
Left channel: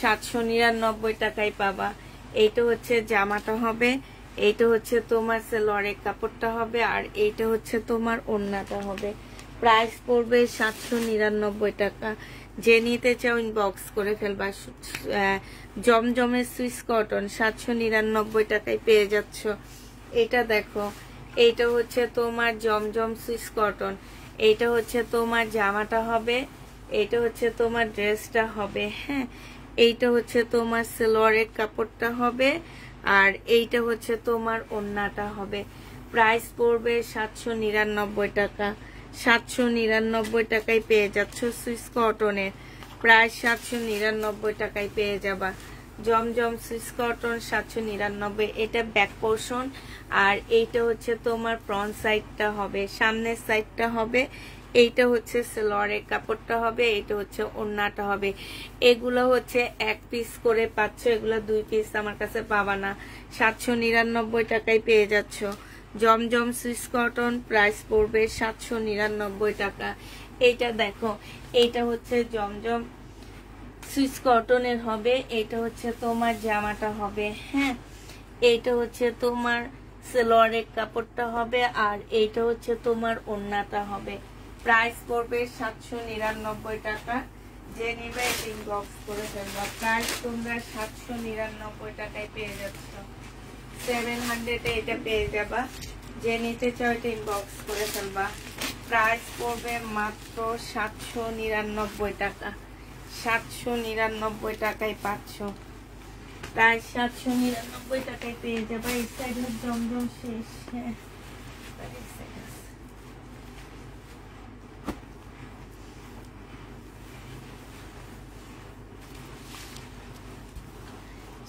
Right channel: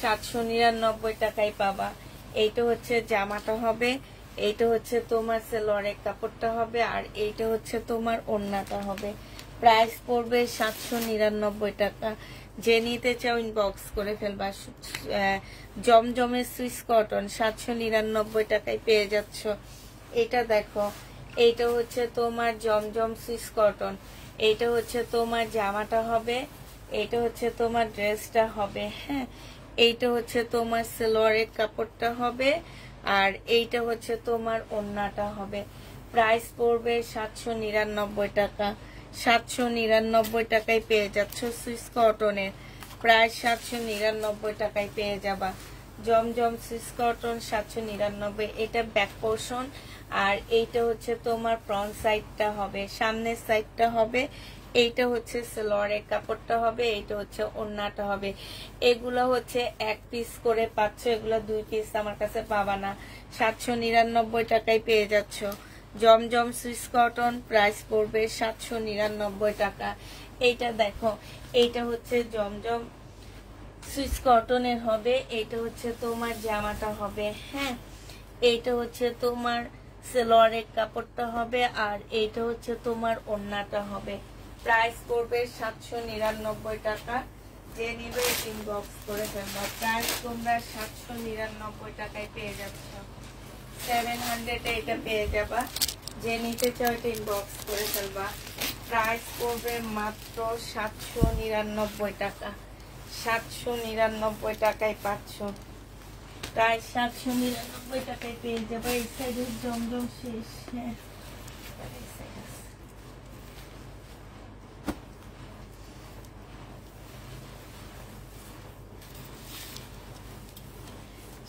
799 টাকায় পাবা। এইটা হচ্ছে জামাটা হবে, এইটা হচ্ছে তোমার সালোয়ারের কাপড়টা হবে, আর এইটা হচ্ছে তোমার ওড়নাটা হবে। প্রাইস পড়বে 799 টাকা। যে নিতে চাও ইনবক্স করে ফেলবা। জমজমের সুইস কটন 799 টাকায় পেয়ে যাচ্ছ। এটা দেখো, এইটা হচ্ছে তোমার জমজম সুইস কটন, এইটা হচ্ছে তোমার জামাটা হবে, এইটা হচ্ছে তোমার ড্রেসটা হবে। হ্যাঁ, এইটা হচ্ছে তোমার সালোয়ারের কাপড়টা হবে, আর এইটা হচ্ছে তোমার ওড়নাটা হবে। প্রাইস পড়বে 799 টাকা। 799 টাকায় পেয়ে যাচ্ছ সুইস কটনের। প্রাইস 799 টাকায় পেয়ে যাবা। জমজম সুইস কটন 799, এটা ব্যাক পোর্শন। আর এইটা হচ্ছে তোমার ফ্রন্ট সাইডটা হবে, সামনের সাইডটা হবে। এইটা হচ্ছে সেলোয়ারের কাপড়টা হবে, এইটা হচ্ছে ওড়নাটা হবে। এগুলো হচ্ছে 1 পিস করে পাচ্ছ, এগুলো 2 পিস আমার কাছে পাবা না। 799 টাকায় পেয়ে যাচ্ছ জমজম সুইস কটন। প্রাইস পড়বে 799 টাকা। এইটা দেখো, এইটা হচ্ছে জমজম সুইস কটনের হবে। এইটা হচ্ছে তোমার জামাটা হবে, হ্যাঁ। এইটা হচ্ছে তোমার সেলোয়ারের কাপড়টা হবে, আর এইটা হচ্ছে তোমার ওড়নাটা হবে। প্রাইস পড়বে 799 টাকা। যে নিবে ইনবক্স করে ফেলবো। প্রাইস তোমরা 799 টাকায় পেয়ে যাচ্ছ। 700 এ এটা পেয়ে যাবা। যে নিতে চাও এটা ইনবক্স করে ফেলবা। প্রাইস পড়বে মাত্র 799 টাকা। 799 টাকায় পাচ্ছ। প্রায় 799 টাকায় পেয়ে যাবে। এই সাইডে জমজম শেষ, হ্যাঁ।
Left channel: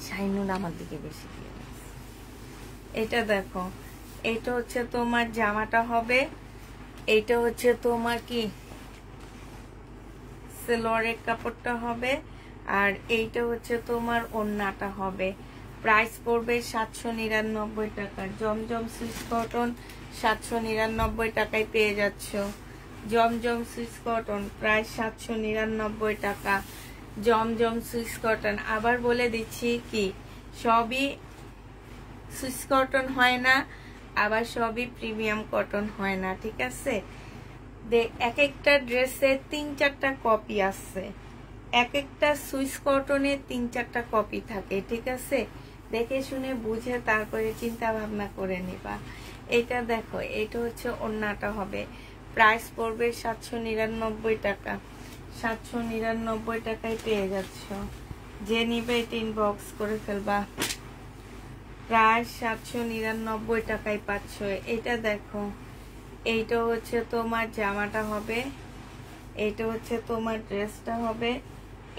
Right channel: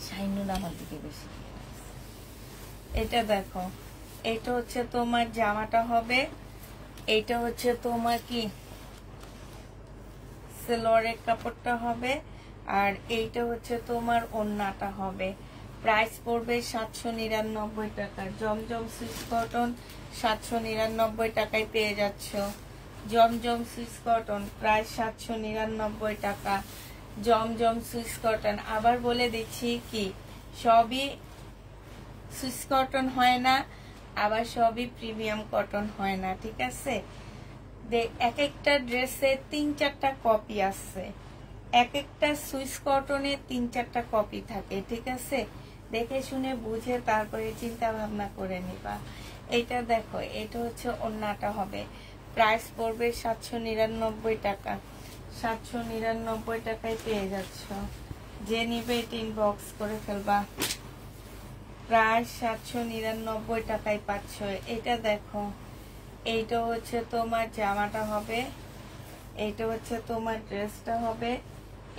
শাইনুন আমার দিকে বেশি। এটা দেখো, এটা হচ্ছে তোমার জামাটা হবে, এইটা হচ্ছে তোমার কি সেলোয়ারের কাপড়টা হবে, আর এইটা হচ্ছে তোমার ওড়নাটা হবে। প্রাইস পড়বে 799 টাকা। জমজম সুইস কটন 799 টাকায় পেয়ে যাচ্ছ। জমজম সুইস কটন প্রাইস 799 টাকা। জমজম সুইস কটন আবার বলে দিচ্ছি কি সবই সুইস কটন হয় না, আবার সবই প্রিমিয়াম কটন হয় না, ঠিক আছে। এক একটা ড্রেসে 3-4টা কপি আছে, এক একটা সুইস কটনে 3-4টা কপি থাকে, ঠিক আছে। দেখে শুনে বুঝে তারপরে চিন্তা ভাবনা করে নিবা। এটা দেখো, এটা হচ্ছে ওড়নাটা হবে। প্রাইস পড়বে 799 টাকা। 799 টাকায় পেয়ে যাচ্ছ। যে নিবে এটা ইনবক্স করে ফেলবা। প্রায় 799 টাকায় পাচ্ছ। এটা দেখো, এইটা হচ্ছে তোমার জামাটা হবে, এইটা হচ্ছে তোমার ড্রেসটা হবে,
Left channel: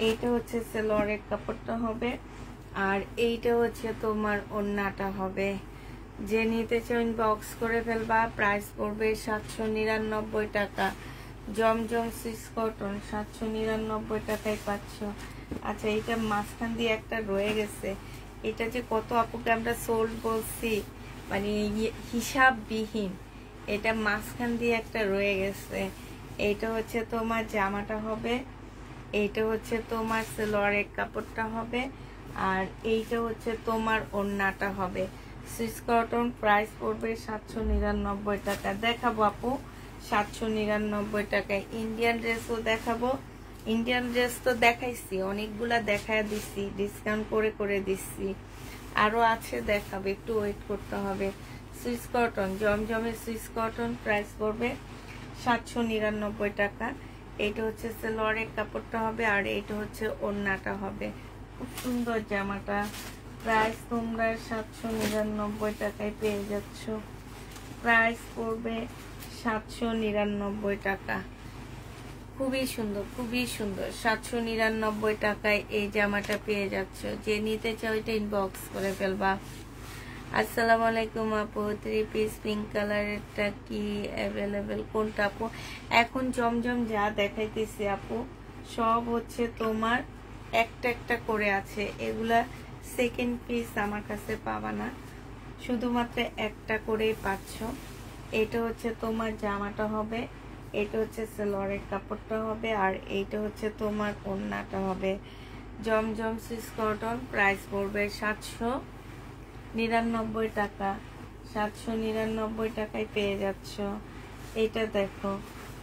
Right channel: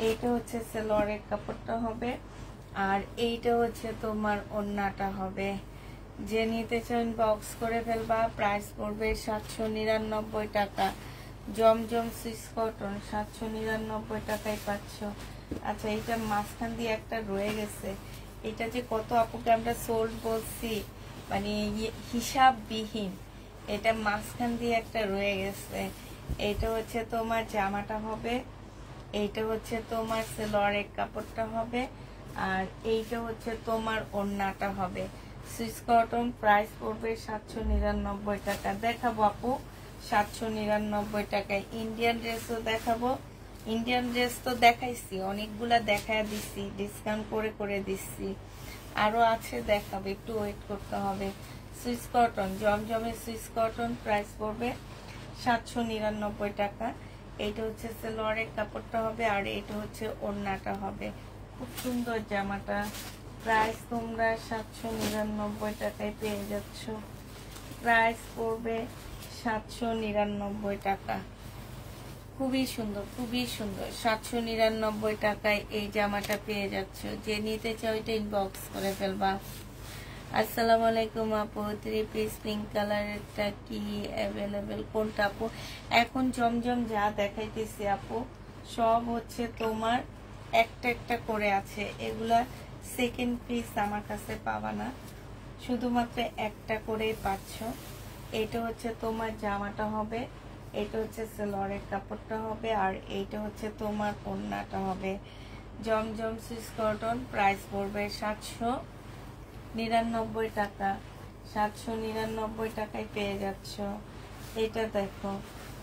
এইটা হচ্ছে সেলোয়ারের কাপড়টা হবে, আর এইটা হচ্ছে তোমার ওড়নাটা হবে। যে নিতে চাও ইনবক্স করে ফেলবা। প্রাইস পড়বে 799 টাকা। জমজম সুইস কটন 799 টাকায় পাচ্ছ। আচ্ছা, এইটা মাঝখান দিয়ে একটা রয়ে গেছে, এটা যে কত আপুকে আমরা সোল্ড বলছি, মানে হিসাববিহীন, এটা মাঝখান দিয়ে একটা রয়ে গেছে। এইটা হচ্ছে তোমার জামাটা হবে, এইটা হচ্ছে তোমার সেলোয়ারের কাপড়টা হবে, আর এইটা হচ্ছে তোমার ওড়নাটা হবে। সুইস কটন প্রাইস পড়বে 799 টাকা। দেখাবো আপু 799 টাকায়। ইন্ডিয়ান ড্রেসও দেখাবো। ইন্ডিয়ান ড্রেস তো দেখাইছি, অনেকগুলা দেখায় দিচ্ছি, ডিসকাউন্ট করে করে দিচ্ছি। আরো আছে দেখাবো, একটু ওয়েট করতে হবে। সুইস কটন, জমজমের সুইস কটন প্রাইস পড়বে 799 টাকা। এইটা হচ্ছে সেলোয়ারের কাপড়টা হবে, আর এইটা হচ্ছে ওড়নাটা হবে। খুব সুন্দর জামাটা। প্রাইস তোমরা 799 টাকায় পেয়ে যাচ্ছ। প্রাইস পড়বে 799 টাকা। খুবই সুন্দর, খুবই সুন্দর। 799 টাকায় এই জামাটা পেয়ে যাচ্ছ। যে নিতে চাও এটা ইনবক্স করে ফেলবা। আসসালামু আলাইকুম আপু, 3 পিস পিঙ্ক কালারেরটা কি অ্যাভেলেবেল? কোনটা আপু? এখন জমজম যা দেখাইতেছি আপু সব হচ্ছে তোমার একটা একটা করে আছে, এগুলা সেকেন্ড পিস আমার কাছে পাবা না, শুধুমাত্র একটা করেই পাচ্ছ। এটা হচ্ছে তোমার জামাটা হবে, এটা হচ্ছে সেলোয়ারের কাপড়টা হবে, আর এইটা হচ্ছে তোমার ওড়নাটা হবে। জমজম সুইস কটন প্রাইস পড়বে 799 টাকা। 799 টাকায় পেয়ে যাচ্ছ। এটা দেখো,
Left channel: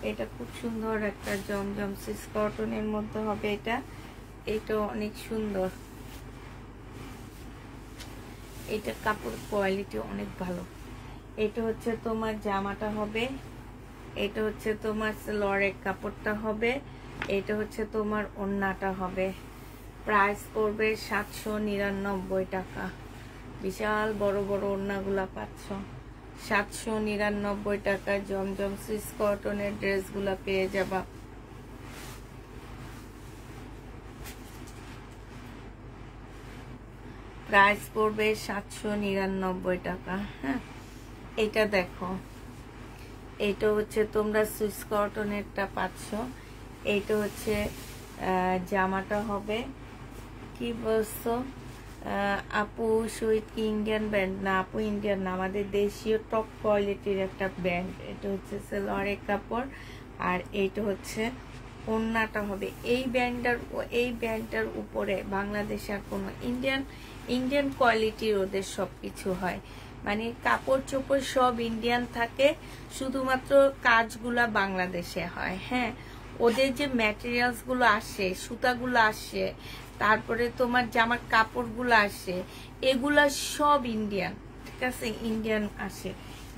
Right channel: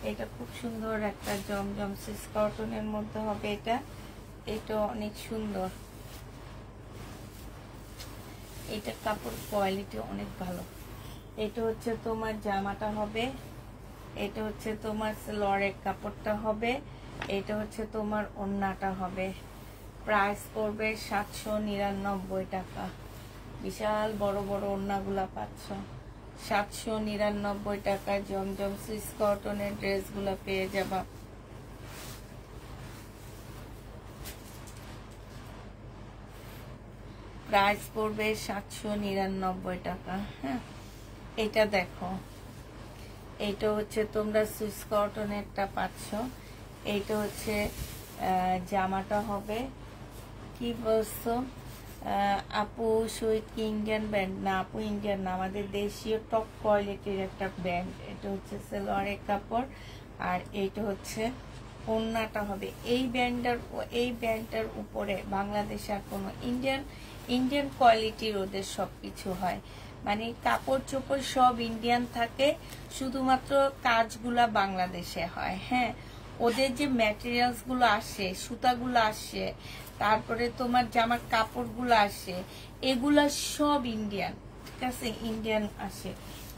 এটা খুব সুন্দর একটা জমজম সুইস কটনের মধ্যে হবে। এটা অনেক সুন্দর, এটা কাপড় কোয়ালিটি অনেক ভালো। এটা হচ্ছে তোমার জামাটা হবে, এটা হচ্ছে তোমার সেলোয়ারের কাপড়টা হবে, এটা হচ্ছে তোমার ওড়নাটা হবে। প্রাইস পড়বে 799 টাকা। বিশাল বড় বড় ওড়নাগুলা পাচ্ছ 799 টাকায়। জমজম সুইস কটনের ড্রেসগুলা পেয়ে যাবা। প্রাইস পড়বে 799 টাকা। হ্যাঁ, এটা দেখো, এটা হচ্ছে তোমরা সুইস কটনেরটা পাচ্ছ। এইটা হচ্ছে জামাটা হবে কি বলছো আপু, সুইট কি ইন্ডিয়ান ব্র্যান্ড? না আপু, ইন্ডিয়ান না, আমাদের দেশীয় টপ কোয়ালিটির একটা ব্র্যান্ড। এটা হচ্ছে সালোয়ারের কাপড়, আর এইটা হচ্ছে ওড়নাটা হবে। এই ব্র্যান্ডটার উপরে বাংলাদেশে আর কোনো ইন্ডিয়ান কোয়ালিটির ওদের সবকিছু হয়, মানে কাপড় চোপড় সব ইন্ডিয়ান থাকে, শুধুমাত্র কাজগুলা বাংলাদেশে হয়। হ্যাঁ, ওদের যে ম্যাটেরিয়ালস গুলো আসে, সুতাগুলো আসে, তারপরে তোমার জামার কাপড়গুলো আসে, এগুলা সব ইন্ডিয়ান। ঠিক আছে, ইন্ডিয়ান আসে,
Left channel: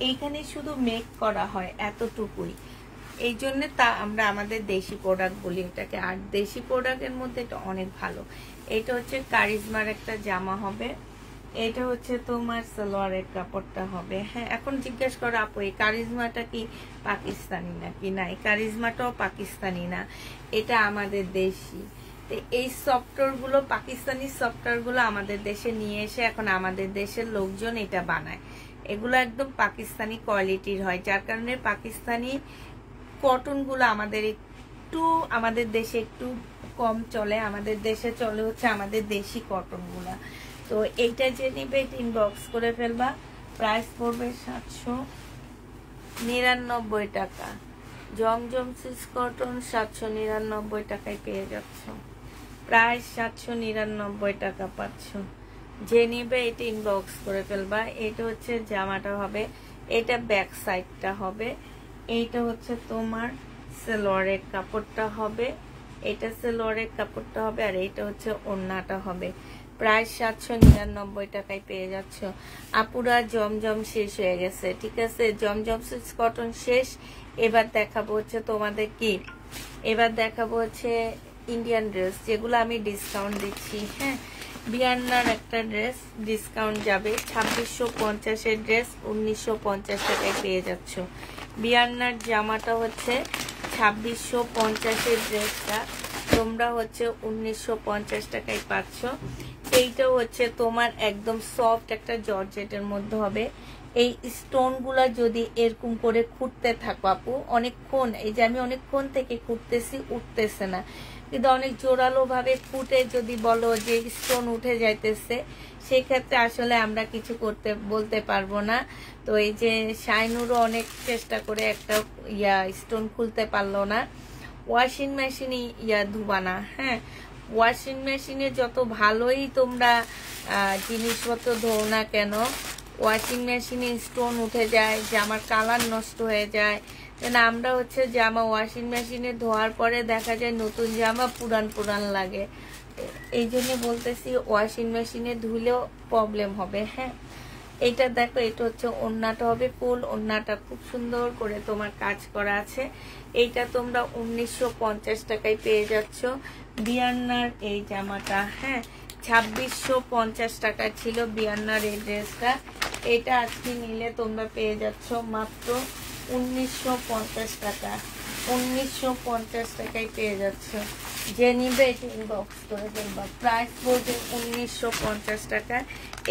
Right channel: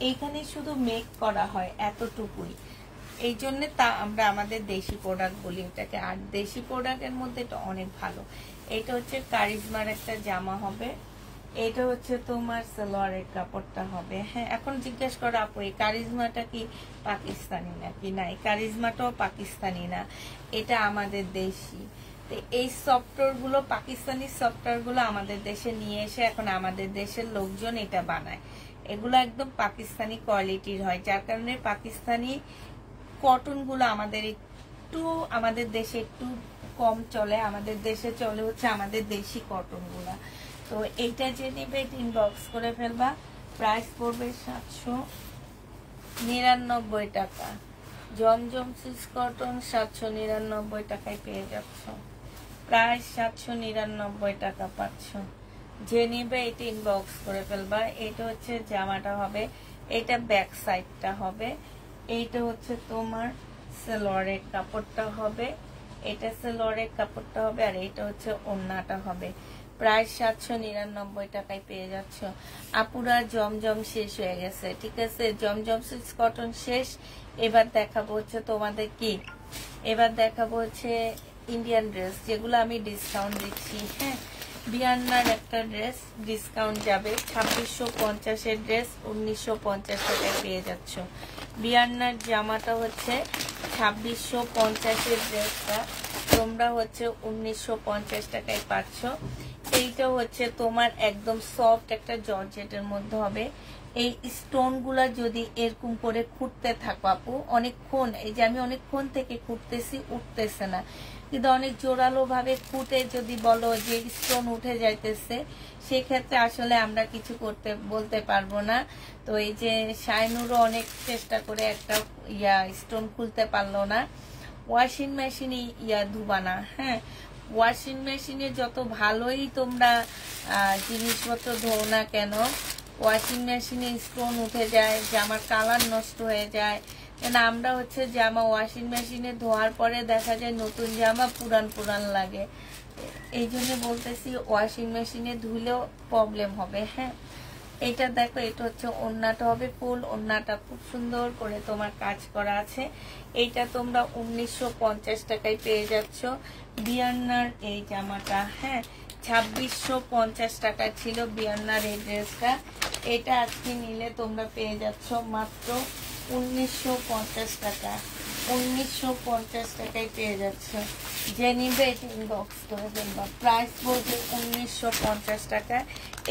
এইখানে শুধু মেক করা হয়, এতটুকুই। এই জন্য তা আমরা আমাদের দেশি প্রোডাক্ট বলি এটাকে। আর দেশি প্রোডাক্টের মধ্যে এটা অনেক ভালো। এটা হচ্ছে কারিজমার একটা জামা হবে, এটা হচ্ছে তোমার সালোয়ারের কাপড়টা হবে। হ্যাঁ, এখন জিজ্ঞেস করো আপু এই কারিজমাটা কি পাকিস্তানি নাকি? না, এই কারিজমাটাও পাকিস্তানি না, এটা আমাদের দেশি। তো এই সফটওয়্যার গুলো, পাকিস্তানি সফটওয়্যার গুলো আমাদের দেশে নিয়ে এসে এখন আমাদের দেশের লোকজন এটা বানায়। এগুলো একদম পাকিস্তানি কোয়ালিটির হয়, যার কারণে পাকিস্তানি কটন গুলো আমাদের দেশে একটু কম চলে। আমাদের দেশে চলে হচ্ছে আমাদের দেশি কটন গুলা। তো এইটা যে নিবে ইনবক্স করে ফেলবা। প্রাইস পড়বে 799 টাকা। জমজম সুইস কটন 799 টাকায় পেয়ে যাচ্ছ। প্রাইস 799 টাকা পাচ্ছ। যে নিবে এটা ইনবক্স করে ফেলবা। এটা হচ্ছে জামাটা হবে, এটা ব্যাক সাইডটা হবে, এইটা হচ্ছে তোমার সালোয়ারের কাপড়টা হবে, এটা সালোয়ারের কাপড়টা হবে, আর এইটা হচ্ছে ওড়নাটা হবে। প্রাইস 799 টাকায় পেয়ে যাচ্ছ। আপুরা জমজম শেষ হয়ে গেছে, ঠিক আছে, জমজম সুইস কটন শেষ। এবার দেখাবো হচ্ছে তোমাদের কি, এবার দেখাবো হচ্ছে ইন্ডিয়ান ড্রেস, যেগুলো আমি ডিসকাউন্ট দিচ্ছি। হ্যাঁ, বিয়ান্নার একটা ড্রেস ডিসকাউন্ট যাবে, 2650 এর ড্রেস 1950 টাকায় পেয়ে যাচ্ছ। বিয়ান্নার জামাটা হচ্ছে 2650 এর ড্রেসটা তোমরা হচ্ছে 1950 টাকায় পাচ্ছ। এইটা হচ্ছে তোমার একদম সফট একটা জর্জেটের মধ্যে হবে। এই স্টোন গুলা যদি এরকম করে খুঁড়তে থাকো আপু অনেকক্ষণ, এই যে আমি অনেকক্ষণ থেকে খুঁড়তেছি, উঠতেছে না, কিন্তু অনেক জোরালো ভাবে খুঁটে যদি বলো যে স্টোন উঠে যাইতেছে, সেক্ষেত্রে আসলে আমরা কিছু বলতে পারবো না। তো এই যে শাইনুরও অনেক চেষ্টা করে একটা স্টোন খুলতে পারলো না। ওয়াশিং মেশিনে ধুবা না। হ্যাঁ, ওয়াশিং মেশিনে যত ভালোই তোমরা জিনিসপত্র ধোও না কেন, ওয়াশিং মেশিনে স্টোন উঠে যায়, জামার কালার নষ্ট হয়ে যায়। আমরা হচ্ছে জামা ওয়াশিং মেশিনে ধোয়ার পরে দেখা যায় নতুন জামা পুরান লাগে। এই জন্য বলতেছি ওয়াশিং মেশিনে ধুলেও প্রবলেম হবে। হ্যাঁ, এইটা দেখো, এটা হচ্ছে ওড়নাটা হবে ফুল, ওড়নাটা খুব সুন্দর করে তোমার কাজ করা আছে। এইটা তোমরা 1950 টাকায় পেয়ে যাচ্ছ। বিয়ান্নার এই জামাটা, হ্যাঁ, 2650 টাকা ছিল বিয়ান্নার এই ড্রেসটা। এটা আজকে নিলে তোমরা পেয়ে যাচ্ছ মাত্র 1950 টাকা। 1950 টাকায় পেয়ে যাচ্ছ। যে নিবে এটা ইনবক্স করে দেবা। প্রাইস পড়বে 1950 টাকা।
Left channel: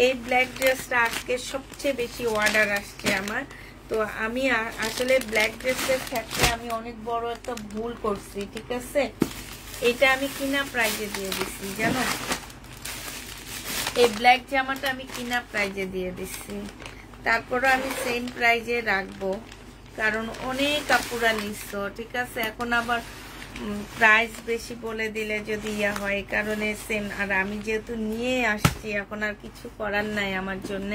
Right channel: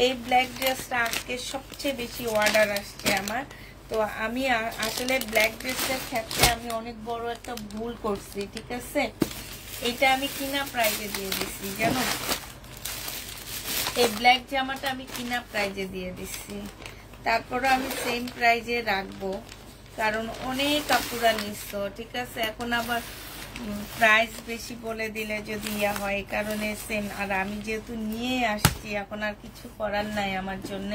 এই ব্ল্যাক ড্রেসটা আজকে সবচেয়ে বেশি অর্ডার আসছে আমার। তো আমি আসলে ব্ল্যাক ড্রেসের ক্ষেত্রে আমি অনেক বড় একটা ভুল করছি, ঠিক আছে। এটা আমি কিনা প্রাইজে দিয়ে দিচ্ছি, জানো, এই ব্ল্যাক জামাটা আমি কিনা প্রাইজে দিয়ে দিচ্ছি। তারপরও আমি সেম প্রাইজে রাখবো, কারণ অনেক আপুরা নিচ্ছ, ঠিক আছে। এখন আবার প্রাইস বেশি বলে দিলে যদি হয়, কারণে সেম। আর আমি যেহেতু নিয়ে আসছি, এখন আর কিছু করার নাই আমার জন্য।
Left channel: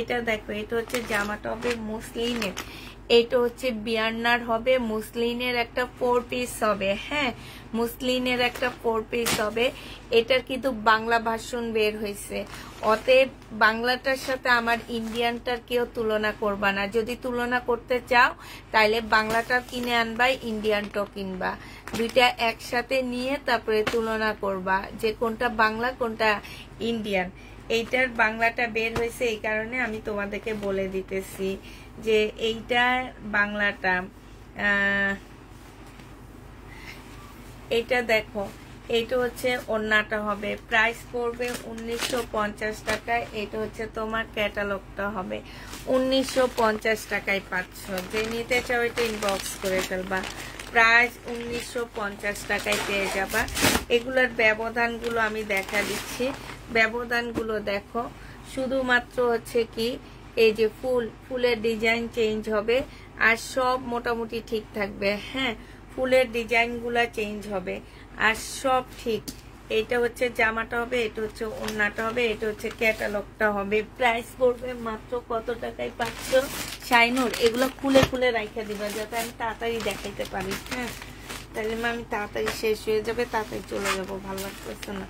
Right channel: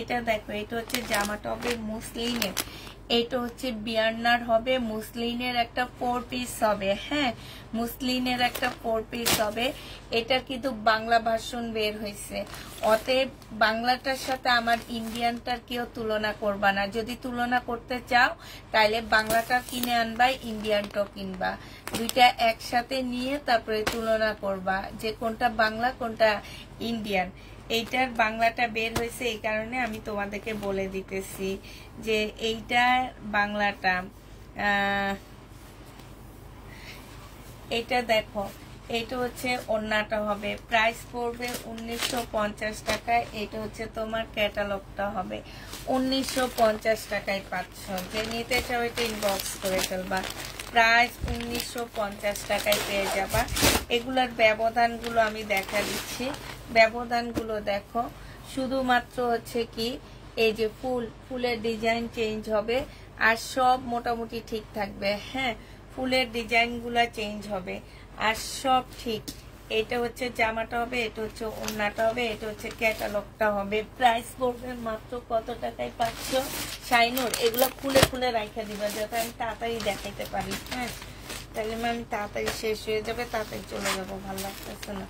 এটা দেখো, এটা হচ্ছে জামাটা হবে মুসলিনের, এটা হচ্ছে বিয়ান্নার হবে, মুসলিনের একটা 4 পিস হবে। হ্যাঁ, মুসলিনের একটা 4 পিস হবে। এটা কিন্তু বাংলা ভার্সন বের হয়েছে, অতএব বাংলাটার সাথে আমার ইন্ডিয়ানটার কেউ তুলনা করবা না। যদি তুলনা করতে চাও তাহলে বাংলাটা কিনে আনবা, ইন্ডিয়ানটাও কিনবা, দুইটা একসাথে নিয়ে তারপরে তুলনা করবা যে কোনটা বাংলা কোনটা ইন্ডিয়ান। এইটার বাংলাটা বের হয়েছে, এই কারণে আমি তোমাদেরকে বলে দিতেছি যে এইটা বাংলাটা। এটা দেখো, এটা হচ্ছে ওড়নাটা হবে, প্রাইস পড়বে 1950 টাকায়। এটা হচ্ছে তোমার ক্যাটালগটা হবে 1950 টাকায় পাচ্ছ। যে নিতে চাও এটা ইনবক্স করে ফেলবা, প্রাইস 1950 টাকায় পেয়ে যাবা। এগুলোর ব্যবধানগুলো আমি দেখা দিচ্ছি, ব্যবধানগুলো দেখো। শুধুমাত্র হচ্ছে কি এই যে ফুলের ডিজাইন চেঞ্জ হবে, আর সব মোটামুটি ঠিক থাকবে। হ্যাঁ, ফুলের ডিজাইনগুলো চেঞ্জ হবে আর সব ঠিক। এটা হচ্ছে জামাটা হবে, এটা হচ্ছে ওড়নাটা হবে, এটা হচ্ছে ক্যাটালগটা হবে। প্রাইস পড়বে মাত্র কত টাকায় পাচ্ছ শাইনুর? এগুলো খুলে খুলে রাখা দিবা যাতে আমি তাড়াতাড়ি দেখাইতে পারি। হ্যাঁ, তাহলে আমি তাড়াতাড়ি শেষ হয়ে যাবে, তাড়াতাড়ি চলে যাবো, ভালো লাগতেছে না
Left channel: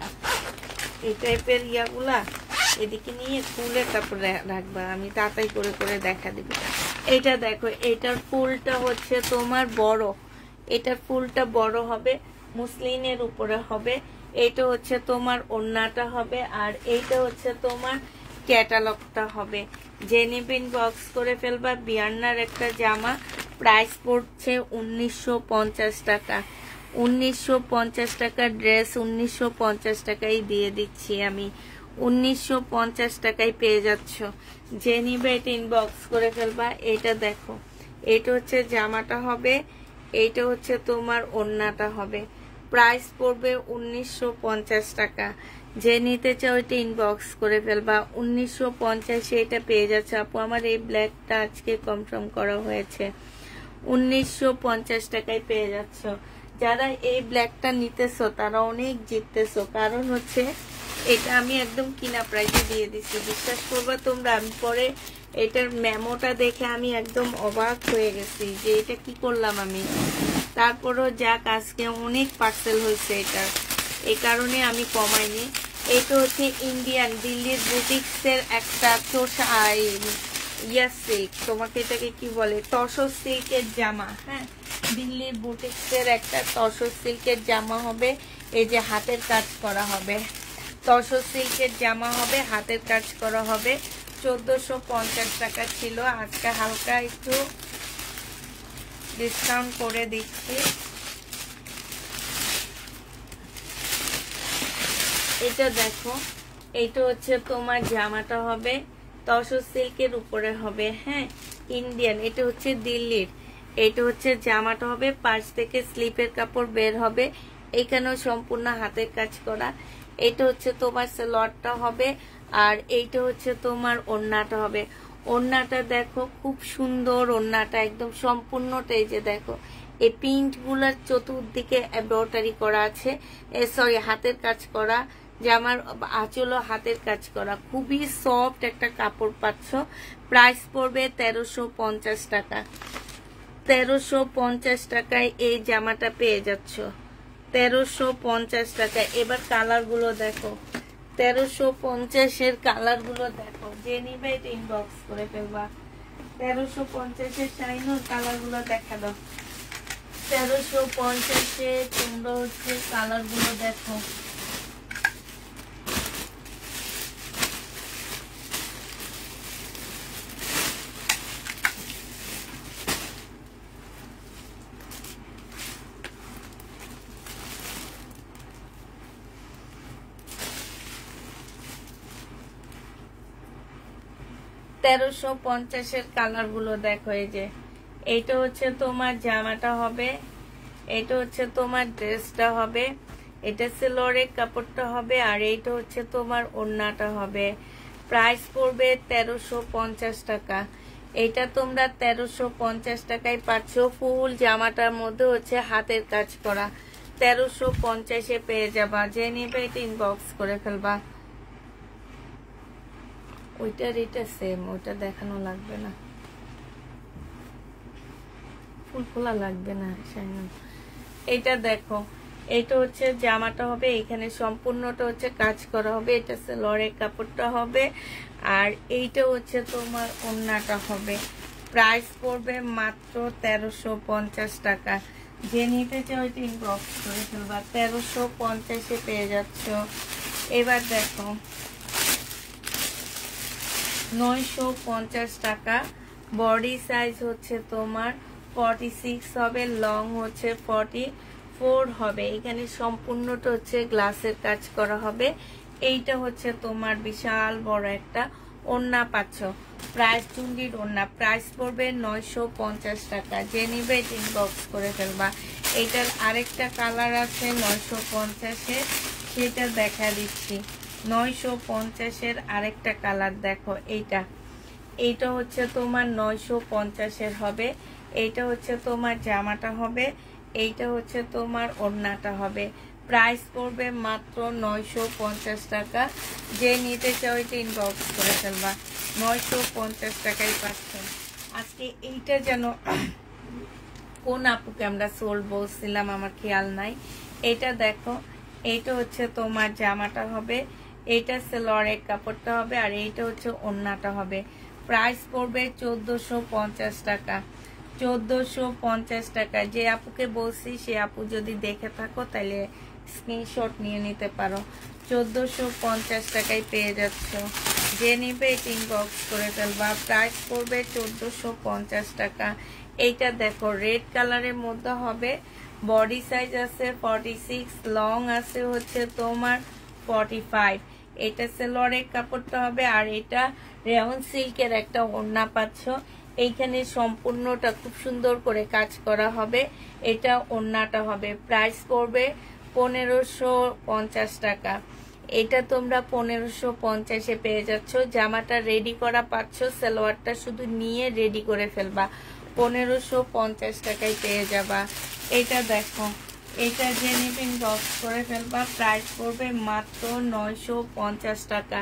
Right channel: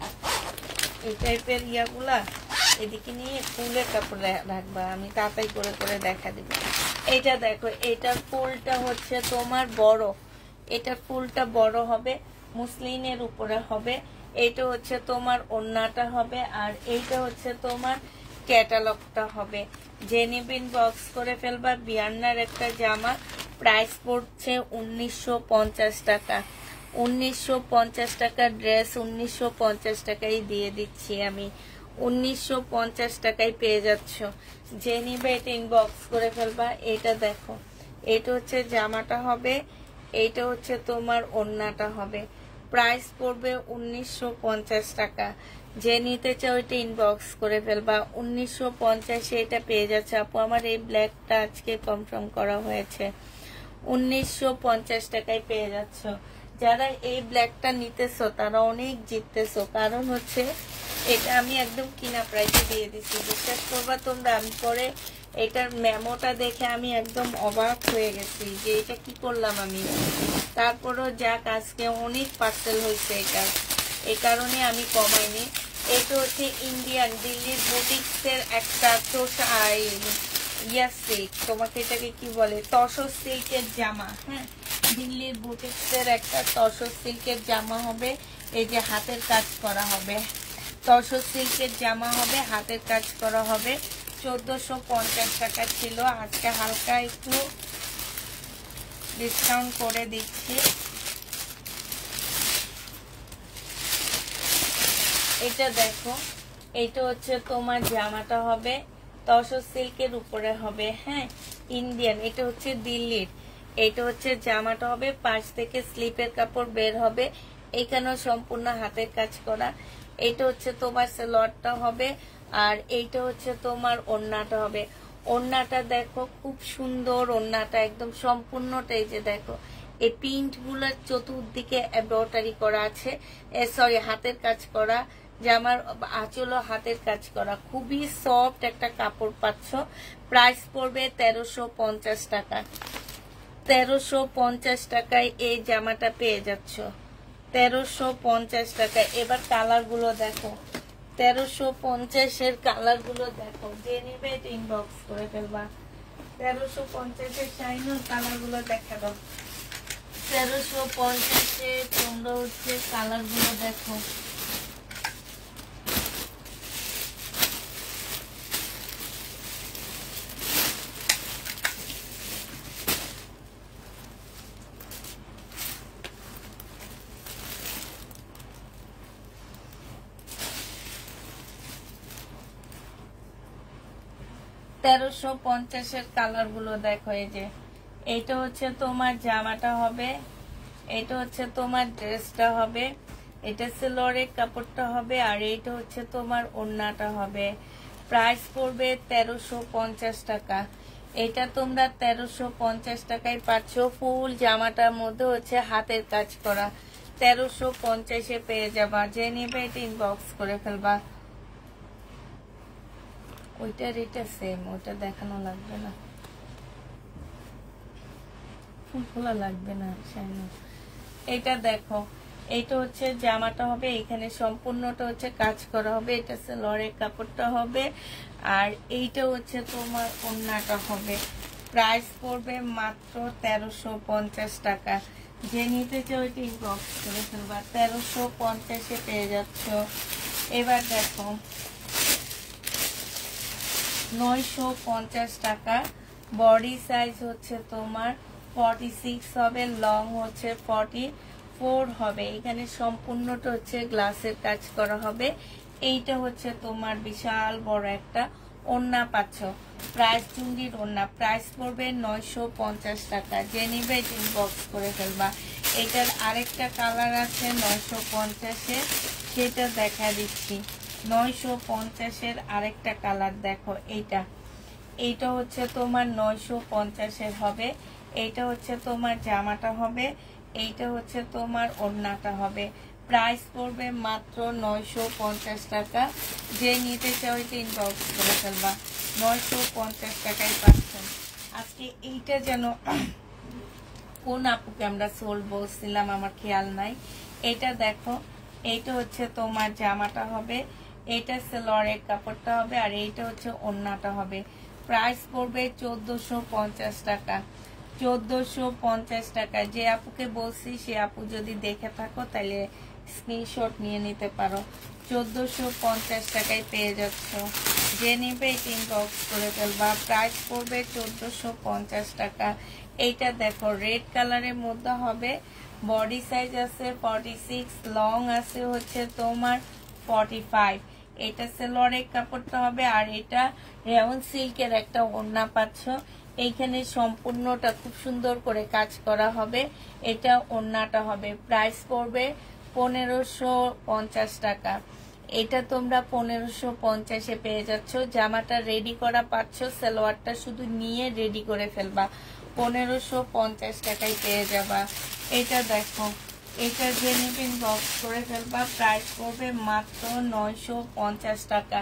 এই টাইপের ইয়াগুলা। এদিকে নিয়ে খুলে তারপরে রাখবা, আমি তাড়াতাড়ি করে করে দেখা দিব। এইটা দেখো, এটার ফুলটা হচ্ছে তোমার বড়, এটার ফুলটা বড় হবে, মুসলিনের উপরে হবে। এইটা হচ্ছে তোমার ওড়নাটা হবে, আর এইটা হচ্ছে তোমার ক্যাটালগটা হবে। জেনিবিন বক্স করে ফেলবা। বিয়ান্নার একটা জামা, প্রাইস পড়ছে 1950 টাকা। 1950 টাকা ড্রেস 1950 টাকাই দিয়ে দিচ্ছি আমি, 1950 টাকায় পেয়ে যাচ্ছ। যে নিবে এটা ইনবক্স করে ফেলবা। এটা দেখো, এটা হচ্ছে জামাটা হবে, এইটা হচ্ছে তোমার ওড়নাটা হবে, প্রাইস পড়বে 1950 টাকা। যে নিতে চাও এটা ইনবক্স করে ফেলবা, 1950 এটা পেয়ে যাচ্ছে। আপু আমার এই ব্ল্যাকটা আজকে কনফার্ম করা হয়েছে, 1950 টাকায় পেয়ে যাচ্ছ। যারা এই ব্ল্যাকটা নিতেছো তারা অনেক জিততেছো, কারণ হচ্ছে এটা আমি একদম কিনা প্রাইসে দিয়ে দিচ্ছি। বিশ্বাস করবা তোমরা, আমি পরে এটার মেমোটা দেখে আমি একদম অবাক হয়ে গেছি যে এটা কি করলাম আমি। তারপরও যাক, আজকে অনেক পার্সেল হয়েছে এটার, এই কারণে আমি কমাইনি। এটা হচ্ছে ইন্ডিয়ান দিল্লির বুটিক্সের একটা সিল্ক, তোমাকে এটাকে কি বলে, তসর সিল্কের জামা। হ্যাঁ, দিল্লির বুটিক্সের একটা তসর সিল্কের জামা হবে। এই যে হাতের কাজ করা হবে, তসর সিল্কের জামা হবে, হাতের কাজ করা হবে। 1450 টাকা ছিল, আজকে হালকা একটু ডিসকাউন্ট করে দিচ্ছি। এটা দেখো, এটা হচ্ছে তোমার জামাটা হবে, তসর সিল্কের উপরে হবে। হ্যাঁ, ইন্ডিয়ান, এটা হচ্ছে দিল্লির। এটা হচ্ছে জামাটা হবে, পাশ থেকে স্লিপের কাপড় বের হবে, এখানেও সম্পূর্ণ হাতের কাজ করা। এটা হচ্ছে তোমার সেলরটা হবে, আর এইটা হচ্ছে তোমার ওড়নাটা হবে। ওড়নাটা দেখো খুব সুন্দর, ওড়নাটা একদম সম্পূর্ণটা এই যে দেখো, এই প্রিন্ট গুলার চতুর্দিকে এমব্রয়ডারি করা আছে, সরি হাতের কাজ করা। জামার আঁচল হাতের কাজ করা, খুবই সফট একটা কাপড় পাচ্ছ। প্রাইস পড়বে 1350 টাকা। 1350 টাকায় এই জামাটা পেয়ে যাচ্ছ, 1350 টাকায়। এবার কালার গুলো দেখো, 1350 কালার গুলো দেখো। যে নিবে এটা ইনবক্স করে ফেলবা। 1350 শাইনুর কালার গুলো দেখা দাও। 1350 তোমরা হচ্ছে কালার গুলো দেখো। তেরোশো 1350 কালার গুলো দেখো। এই যে এইটা হচ্ছে তোমার জামাটা হবে, এটা হচ্ছে তোমার ড্রেসটা হবে, এটা সেলরের কাপড়টা হবে, আর এইটা হচ্ছে তোমার ওড়নাটা হবে। প্রাইস পড়বে 1350 টাকা। এটা তোমরা 1350 টাকায় পাচ্ছ। ফুল জামাটার মধ্যে হচ্ছে হাতের কাজ করা, 1350 পেয়ে যাবা। যে নিবে এটা ইনবক্স করে ফেলবা। ওইটার এটা সেম, ওইটা দেখানো লাগবে না, ফুল খোলা লাগবে না। এটা দেখো, এটা হচ্ছে জামাটা হবে, এখানে সম্পূর্ণটা হচ্ছে কাজ করা হবে, এটা সেলরের কাপড়টা হবে, আর এইটা হচ্ছে তোমার ওড়নাটা হবে। প্রাইস পড়বে মাত্র 1350 টাকা। যে নিতে চাও ওইটা ইনবক্স করে ফেলবা, 1350 পেয়ে যাচ্ছ। এবার দেখো 950 টাকা। বডি সাইজ হচ্ছে তোমার 46 হবে, লং হচ্ছে 44 হবে। এখানে সম্পূর্ণটা হচ্ছে গ্লাসের কাজ করা হবে। এইটা হচ্ছে তোমার বিশাল বড় একটা ওড়না পাচ্ছ। প্রাইস চুন্ডির ওড়না, প্রাইস পড়বে 950 টাকা। যে নিবে ইনবক্স করে ফেলবা। এটার আরেকটা কালার আছে 950-এর, সেটা দেখা দিচ্ছি। 950-এর আরেকটা কালার দেখো, এইটা হচ্ছে তোমার 950-এর হবে। এইটা হচ্ছে তোমার জামাটা হবে, এইটা হচ্ছে তোমার ওড়নাটা হবে। প্রাইস পড়বে মাত্র 950 টাকা। যে নিতে চাও এটা ইনবক্স করে ফেলবা। 950 টাকায় পাচ্ছেন। আজকে এইটা যেন কোন আপুকে আমরা সোল বলছিলাম আমার খেয়াল নাই। এটা দেখো, এইটা হচ্ছে তোমার জামাটা হবে, এইটা সালোয়ারের কাপড়টা হবে, আর এইটা হচ্ছে ওড়নাটা হবে। প্রাইস পড়বে 1450 টাকা। 1450 টাকা। যে আপুকে বলছি সে আপু যদি দেখে থাকো তাহলে স্ক্রিনশট নিয়ে নিতে পারো। 1450 টাকায় পেয়ে যাচ্ছ। যে নিবে ইনবক্স করে ফেলবা। প্রাইস পড়বে 1450 টাকা। এইটা দেখো রেড কালারের মধ্যে হবে। বডি সাইজ আছে 46, লং আছে হচ্ছে তোমার 45। এটা সালোয়ারের কাপড়টা হবে, আর এটা রেয়ন সিল্কের একটা ওড়না পাচ্ছ। এইখানে সম্পূর্ণটা খুব সুন্দর করে কাজ করা হবে। এটা ওড়নাটা হবে। প্রাইস পড়বে 1550 টাকা। এটা তোমরা 1550-এ পেয়ে যাচ্ছ। জামাটা রেডি করা পাচ্ছ, সালোয়ারটা শুধু নিয়ে রেডি করে ফেলবা। 1550 টাকায় পেয়ে যাবা। এটা দেখো, এটা যে নিবে ইনবক্স করে ফেলবা। প্রাইস পড়বে মাত্র 950 টাকা।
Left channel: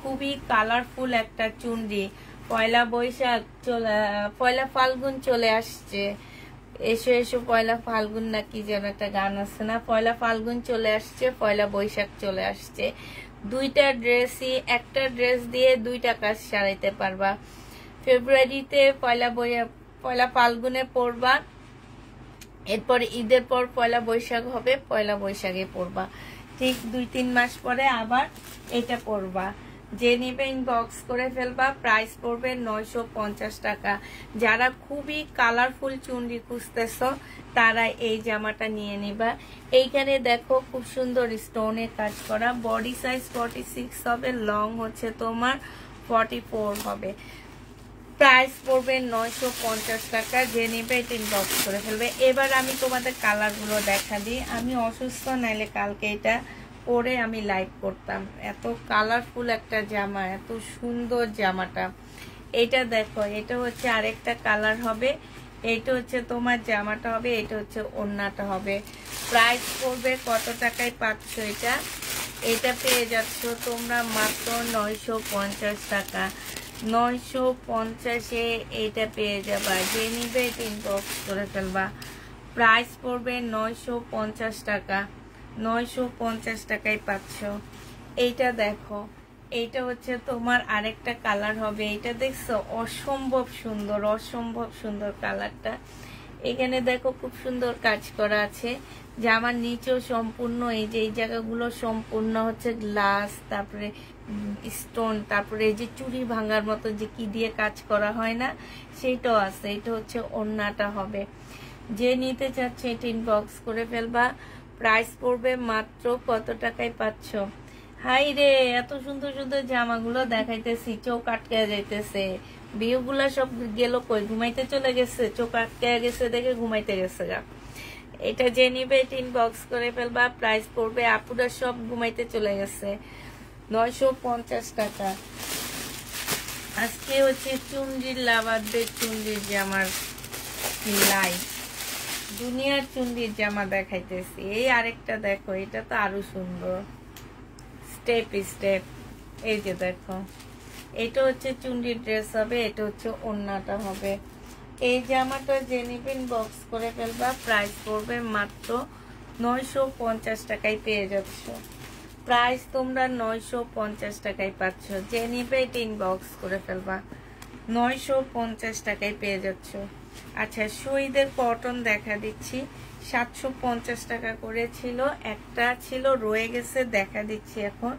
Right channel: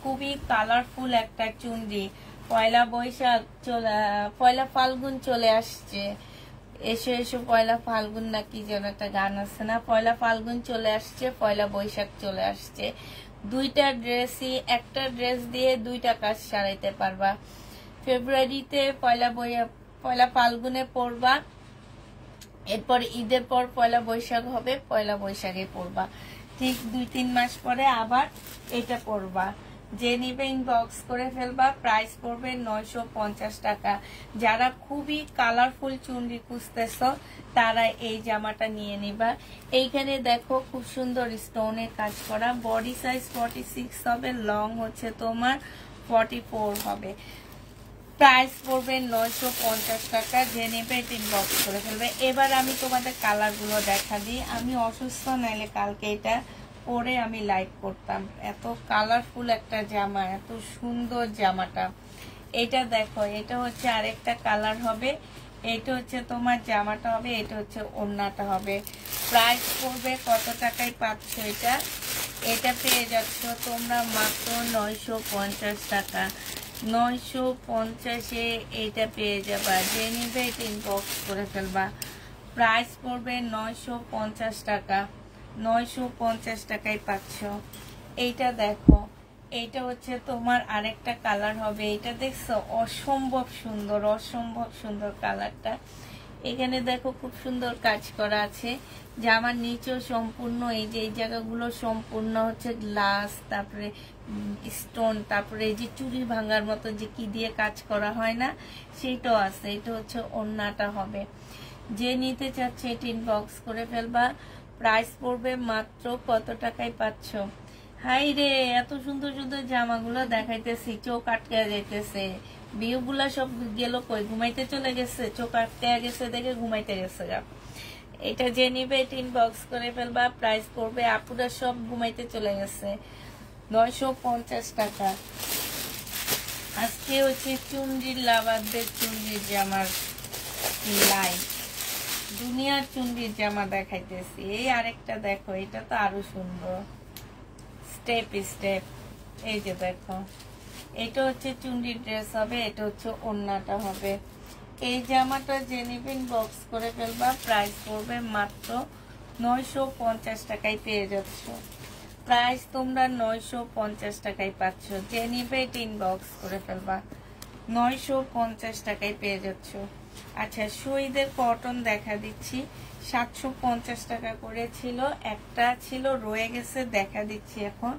খুবই কালারফুল একটা চুনরি। পয়লা বৈশাখ পয়লা ফাল্গুন চলে আসছে। এসো এসো পয়লা ফাল্গুন না কি যেন একটা গান আছে না, পয়লা ফাল্গুন চলে আসছে, পয়লা বৈশাখ চলে আসছে। দুইটা ড্রেসই, একটা ড্রেস দিয়ে দুইটা কাজ সারাইতে পারবা। ফেব্রুয়ারিতে পয়লা ফাল্গুনে পরবা, এরপর ঈদের পর পয়লা বৈশাখ হবে, পয়লা বৈশাখে পরবা। ঠিক 2-3 মাস পরে আবার এটা পরবা। যে নিবে ইনবক্স করে ফেলবা। প্রাইস পড়বে 950 টাকা। যারা খুবই কালারফুল চুনরি খুঁজতেছ তারা এই জামাটা নিয়ে নিবা। এইখানে দেখো খুব সুন্দর স্টোনের কাজ করা। বডি সাইজ 46 হবে, লং হচ্ছে তোমার 44 হবে। প্রাইস পড়বে 950 টাকা। যে নেবে এটা ইনবক্স করে ফেলবে। এবার আমি তোমাদের কালারগুলো দেখা দিই। আমি অসুস্থ, নাইলে কালকে এটা পরে আমি লাইভ করতাম। এত কালারফুল একটা জামা, এত সুন্দর জামাটা। এটা দেখো, এটা হচ্ছে আরেকটা কালার হবে। এটা হচ্ছে তোমার জামাটা হবে, এটা হচ্ছে ওড়নাটা হবে। প্রাইস পড়বে কত টাকায় পাচ্ছ এটা? এটা পেয়ে যাচ্ছ তোমরা মাত্র 950 টাকা। 950-এ এটা পেয়ে যাবা। যে নিবে এটা ইনবক্স করে ফেলবা। প্রাইস পড়বে 950 টাকা। 950 টাকায় পাচ্ছ। এইটা দেখো, এইটা হচ্ছে তোমার আরেকটা কালার হবে। এটা দেখছো অসম্ভব সুন্দর, অসম্ভব সুন্দর কালারটা। এখানে দেখো খুব সুন্দর কাজ করা আছে। জামার নিচেও সম্পূর্ণ এই যে এই জায়গাগুলো সম্পূর্ণ হচ্ছে গ্লাস, তারপরে স্টোন, তারপরে এই যে চুড়ি ভাঙার মতো যে কি দিয়ে কাজ করা হয় না, সেটাও আছে। এটা হচ্ছে ওড়নাটা হবে। যে নিতে চাচ্ছে এটা ইনবক্স করে ফেলবা। প্রাইস পড়বে মাত্র কত টাকায় পাচ্ছ? হাই রে, এত সুন্দর সুন্দর জামাগুলো দেখাইতেছি, চোখ আটকে যাইতেছে। বিয়েগুলা সব গেল কই? ঘুমাইতে চলে গেছে, চোখ আটকে গেছে দেখে ঘুমাইতে গেছে গা। এটা যে নিবে এটা ইনবক্স করে ফেলবা। প্রাইস পড়বে, আপুরা সব ঘুমাইতে চলে গেছে, 950 টাকা। আজকে হচ্ছে চুন্ডির লাভারদের চুন্ডির জামার লাইভ, দুনিয়ার চুন্ডির জামা দেখাইতেছি। এই আরেকটা দেখো, এটা তো আরো সুন্দর, স্টেপ স্টেপ। এই যে দেখো, এটা হচ্ছে চুন্ডির ড্রেস হবে, এটা হচ্ছে ওড়নাটা হবে। এই জামাটা যে নিবে ইনবক্স করে ফেলবা। প্রাইস পড়বে মাত্র 950 টাকায় পেয়ে যাচ্ছ। প্রাইস তোমরা 950 টাকায় পাচ্ছ। যে নিবে এটা ইনবক্স করে ফেলবা। 950 টাকায় পেয়ে যাচ্ছ। আচ্ছা, শহীদের কটন দেখা দিচ্ছি। 750 টাকা করে ছিল, একটা ছিল রয়ে গেছে, দেখা দিচ্ছি এখন।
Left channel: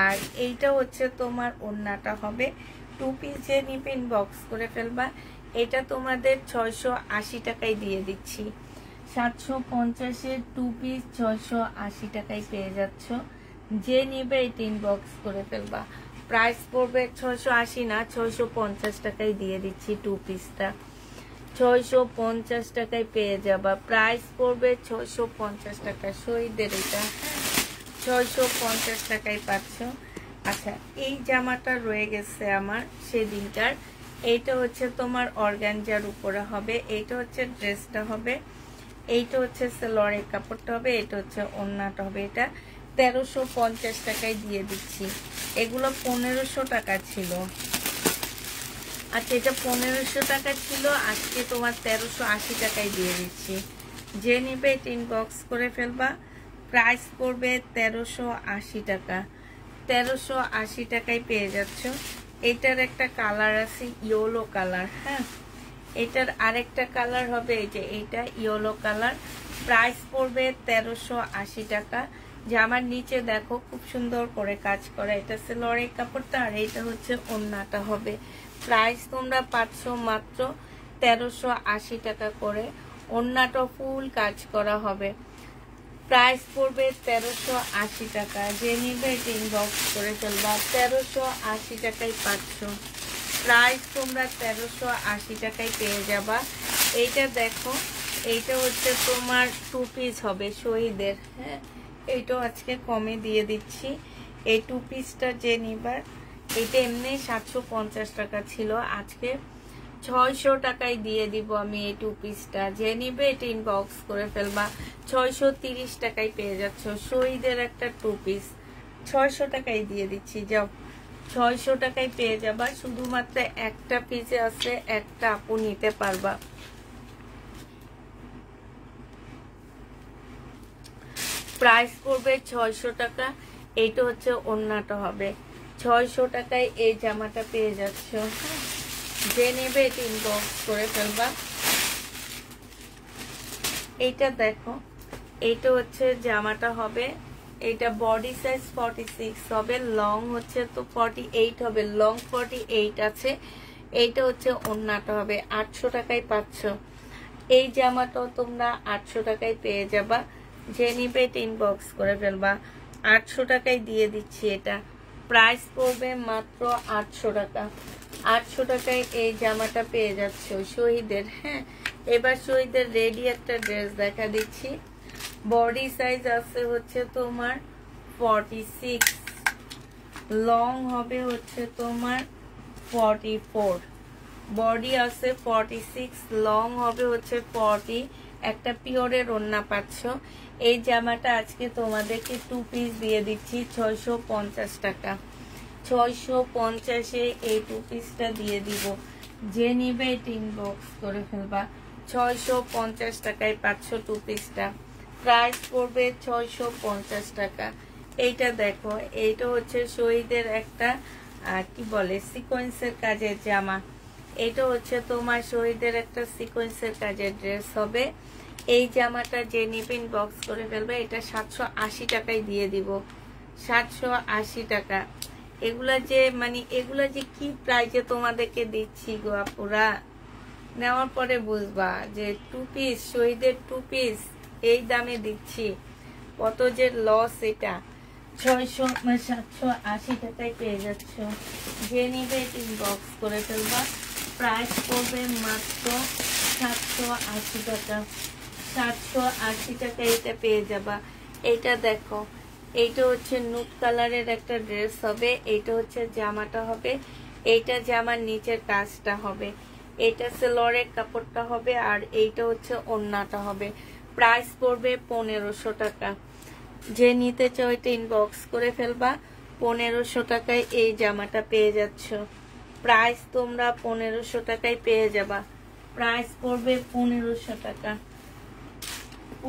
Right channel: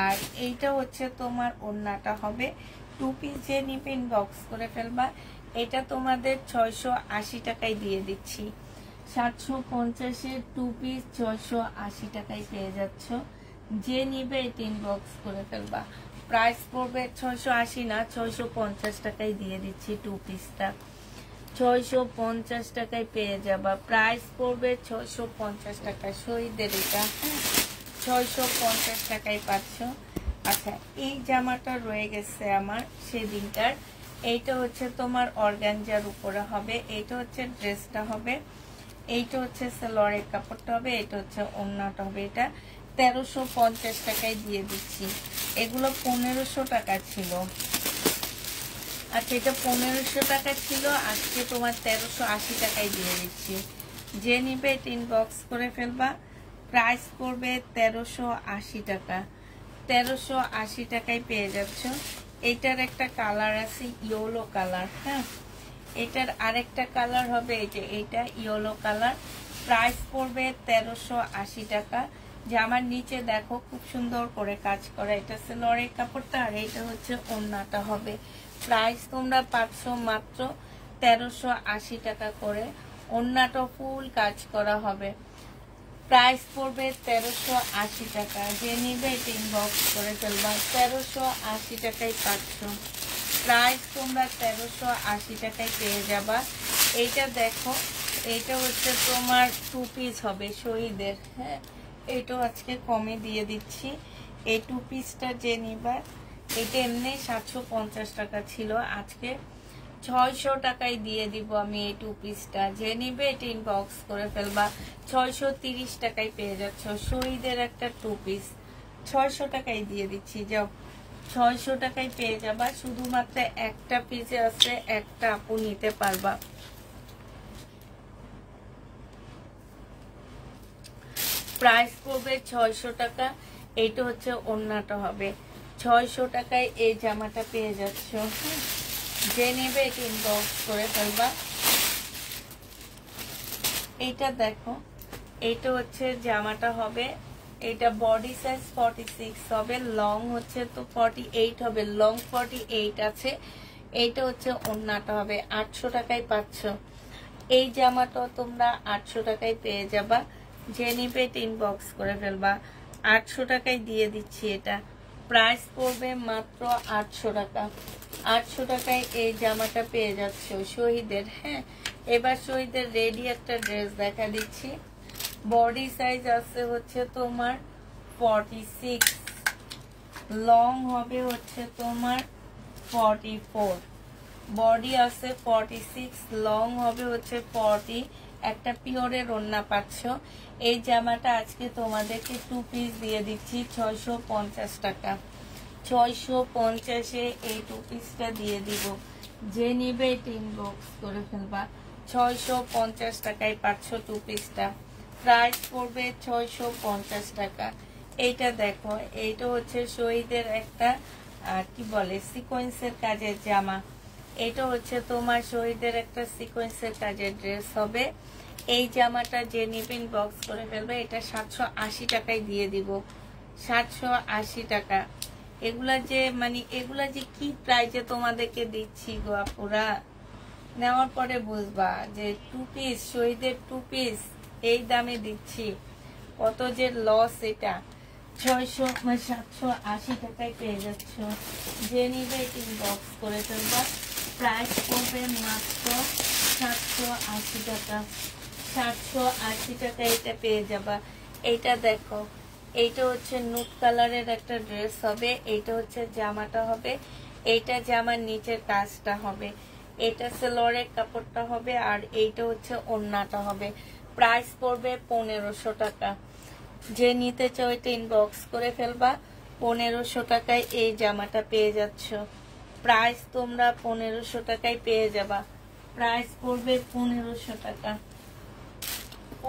আর এইটা হচ্ছে তোমার ওড়নাটা হবে। 2 পিস যে নিবে ইনবক্স করে ফেলবা। এটা তোমাদের 680 টাকায় দিয়ে দিচ্ছি। 750-এর 2 পিস 680 টাকায় পেয়ে যাচ্ছ। যে নিবে এটা ইনবক্স করে ফেলবা। প্রাইস পড়বে 680 না 650 টাকায় দিয়ে দিচ্ছি 2 পিসটা। 650 টাকায় পেয়ে যাবা। প্রাইস পড়বে 650 টাকা। শহীদের এটা 650 টাকায় পাচ্ছ। আচ্ছা, এই জামাটা রয়ে গেছে আমার সেদিনটার। এইটা হচ্ছে তোমার অর্গানজার উপরে হবে, এইটা হচ্ছে ড্রেসটা হবে, এইটা হচ্ছে সালোয়ারের কাপড়টা হবে, এটা হচ্ছে ওড়নাটা হবে। এটা 1350 টাকায় দিয়ে দিচ্ছি। এগুলো 1500 টাকা ছিল। আচ্ছা, এটা 1500 টাকা ছিল, আজকে তোমার 1380 টাকায় দিয়ে দিচ্ছি। যে নিবে এটা ইনবক্স করে ফেলবা। প্রাইস পড়বে 1380 টাকা। 1380 টাকায় পেয়ে যাচ্ছ। এটার একটা কালার আছে ইয়েলো কালার। হ্যাঁ, এটার আরেকটা কালার হবে এই যে এটা ইয়েলো কালার। প্রাইস পড়বে 1380 টাকা। জামার নিচে দেখো খুব সুন্দর করে কাজ করা, এটা সালোয়ারের কাপড়টা, আর এটা হচ্ছে ওড়নাটা হবে। প্রাইস তোমরা পাচ্ছ মাত্র 1380 টাকা করে। ওড়নাটা ফুল কাজ করা হবে। প্রাইস পড়বে 1380 টাকা। যে নিবে এটা ইনবক্স করে ফেলবা। 1380 টাকায় পাচ্ছ। প্রাইস তোমরা 1380 টাকায় পেয়ে যাবা। এইটা দেখো, এইটা হচ্ছে তোমার 2 পিস হবে শহীদের। হ্যাঁ, এইটাও আজকে কমে দিয়ে দিচ্ছি। এই 2 পিসটা যে নিবার, এটা এমনি 750 টাকা ছিল, আজকে 600 টাকায় দিয়ে দিব আমি এই 2 পিসটা। যে নিবে এটা ইনবক্স করে ফেলবা। 630 টাকায় পেয়ে যাচ্ছ শহীদের একটা 2 পিস। 600 টাকায় দিয়ে দিচ্ছি, যাও 600 টাকায় পেয়ে যাবা। শুধুমাত্র একটা পিসে আছে, একটা আপু নিতে পারবা। প্রাইস পড়বে 600 টাকা। এইটা হচ্ছে ওড়নাটা হবে। 600 টাকায় এই জামাটা পেয়ে যাচ্ছ। যে নেবে এটা ইনবক্স করে ফেলবা। এইটা দেখো, এইটা হচ্ছে জামাটা হবে। এটা বডি সাইজ 46 হবে, লং হচ্ছে তো 48 হবে, লং 48 আছে। এইটা হচ্ছে ওড়নাটা হবে। 800 টাকায় পাচ্ছ। এই জামাটাও তোমরা 800 টাকায় পেয়ে যাবা। যে নিবে এটা ইনবক্স করে ফেলবা। 800 টাকায় দিয়ে দিচ্ছি এটা। প্রাইস পড়বে মাত্র 800 টাকা। 800 টাকায় এই জামাটা পেয়ে যাচ্ছ শহীদের। হ্যাঁ, এবার শহীদের রেডি একটা ড্রেস দেখা দিচ্ছি। বডি সাইজ আছে হচ্ছে তোমার 46, লং হবে হচ্ছে তোমার 44, বডি আছে 46, লং হবে হচ্ছে 40। একটা পিওরের ওড়না পাচ্ছ। এই জামাটা আজকে তোমাদেরকে 2 পিস দিয়ে দিচ্ছি 650 টাকা। 650-এ এই 2 পিসটা দিয়ে দিব। যে নিবে এটা ইনবক্স করে ফেলবা। 650 টাকায় পাচ্ছ 2 পিসটা। প্রাইস পড়বে 650 টাকা। এইটা দেখো, এইটা হচ্ছে শহীদের একটা কি বলে সিকোয়েন্সের কাজের জামা। এটা হচ্ছে তোমার শহীদের একটা সিকোয়েন্সের কাজের ড্রেস হবে। এই জামাটা যে নিবে ইনবক্স করে ফেলবে। এটা 780 টাকায় দিয়ে দিব। 780 টাকা। এগুলা যে এগুলা যে কি প্রাইজে তোমাদেরকে দিচ্ছি গো আপুরা, নেওয়ার পরে বুঝবা যে 2 পিস শহীদের 2 পিস এই দামে দিচ্ছি, কত যে লস। এটা 780 টাকায় পেয়ে যাচ্ছ। যে নিবে ইনবক্স করে ফেলবা। প্রাইস পড়বে মাত্র 780 টাকা। 780 টাকা এটা পেয়ে যাবা। এইটা দেখো, এইটা হচ্ছে নুট কালারের একটা ড্রেস হবে। এইটা হচ্ছে জামাটা হবে। এইটা জামার নিচের কাজটা হবে। এটা সালোয়ারের কাপড়টা হবে, আর এইটা হচ্ছে ওড়নাটা হবে। প্রাইস পড়বে 1500 টাকা। যে নিতে চাও এটা ইনবক্স করে ফেলবা। 1500 টাকায় এই জামাটা পেয়ে যাচ্ছ। প্রাইস তোমরা 1500 টাকায় পেয়ে যাবা। প্রাইস পড়বে 1500 টাকা।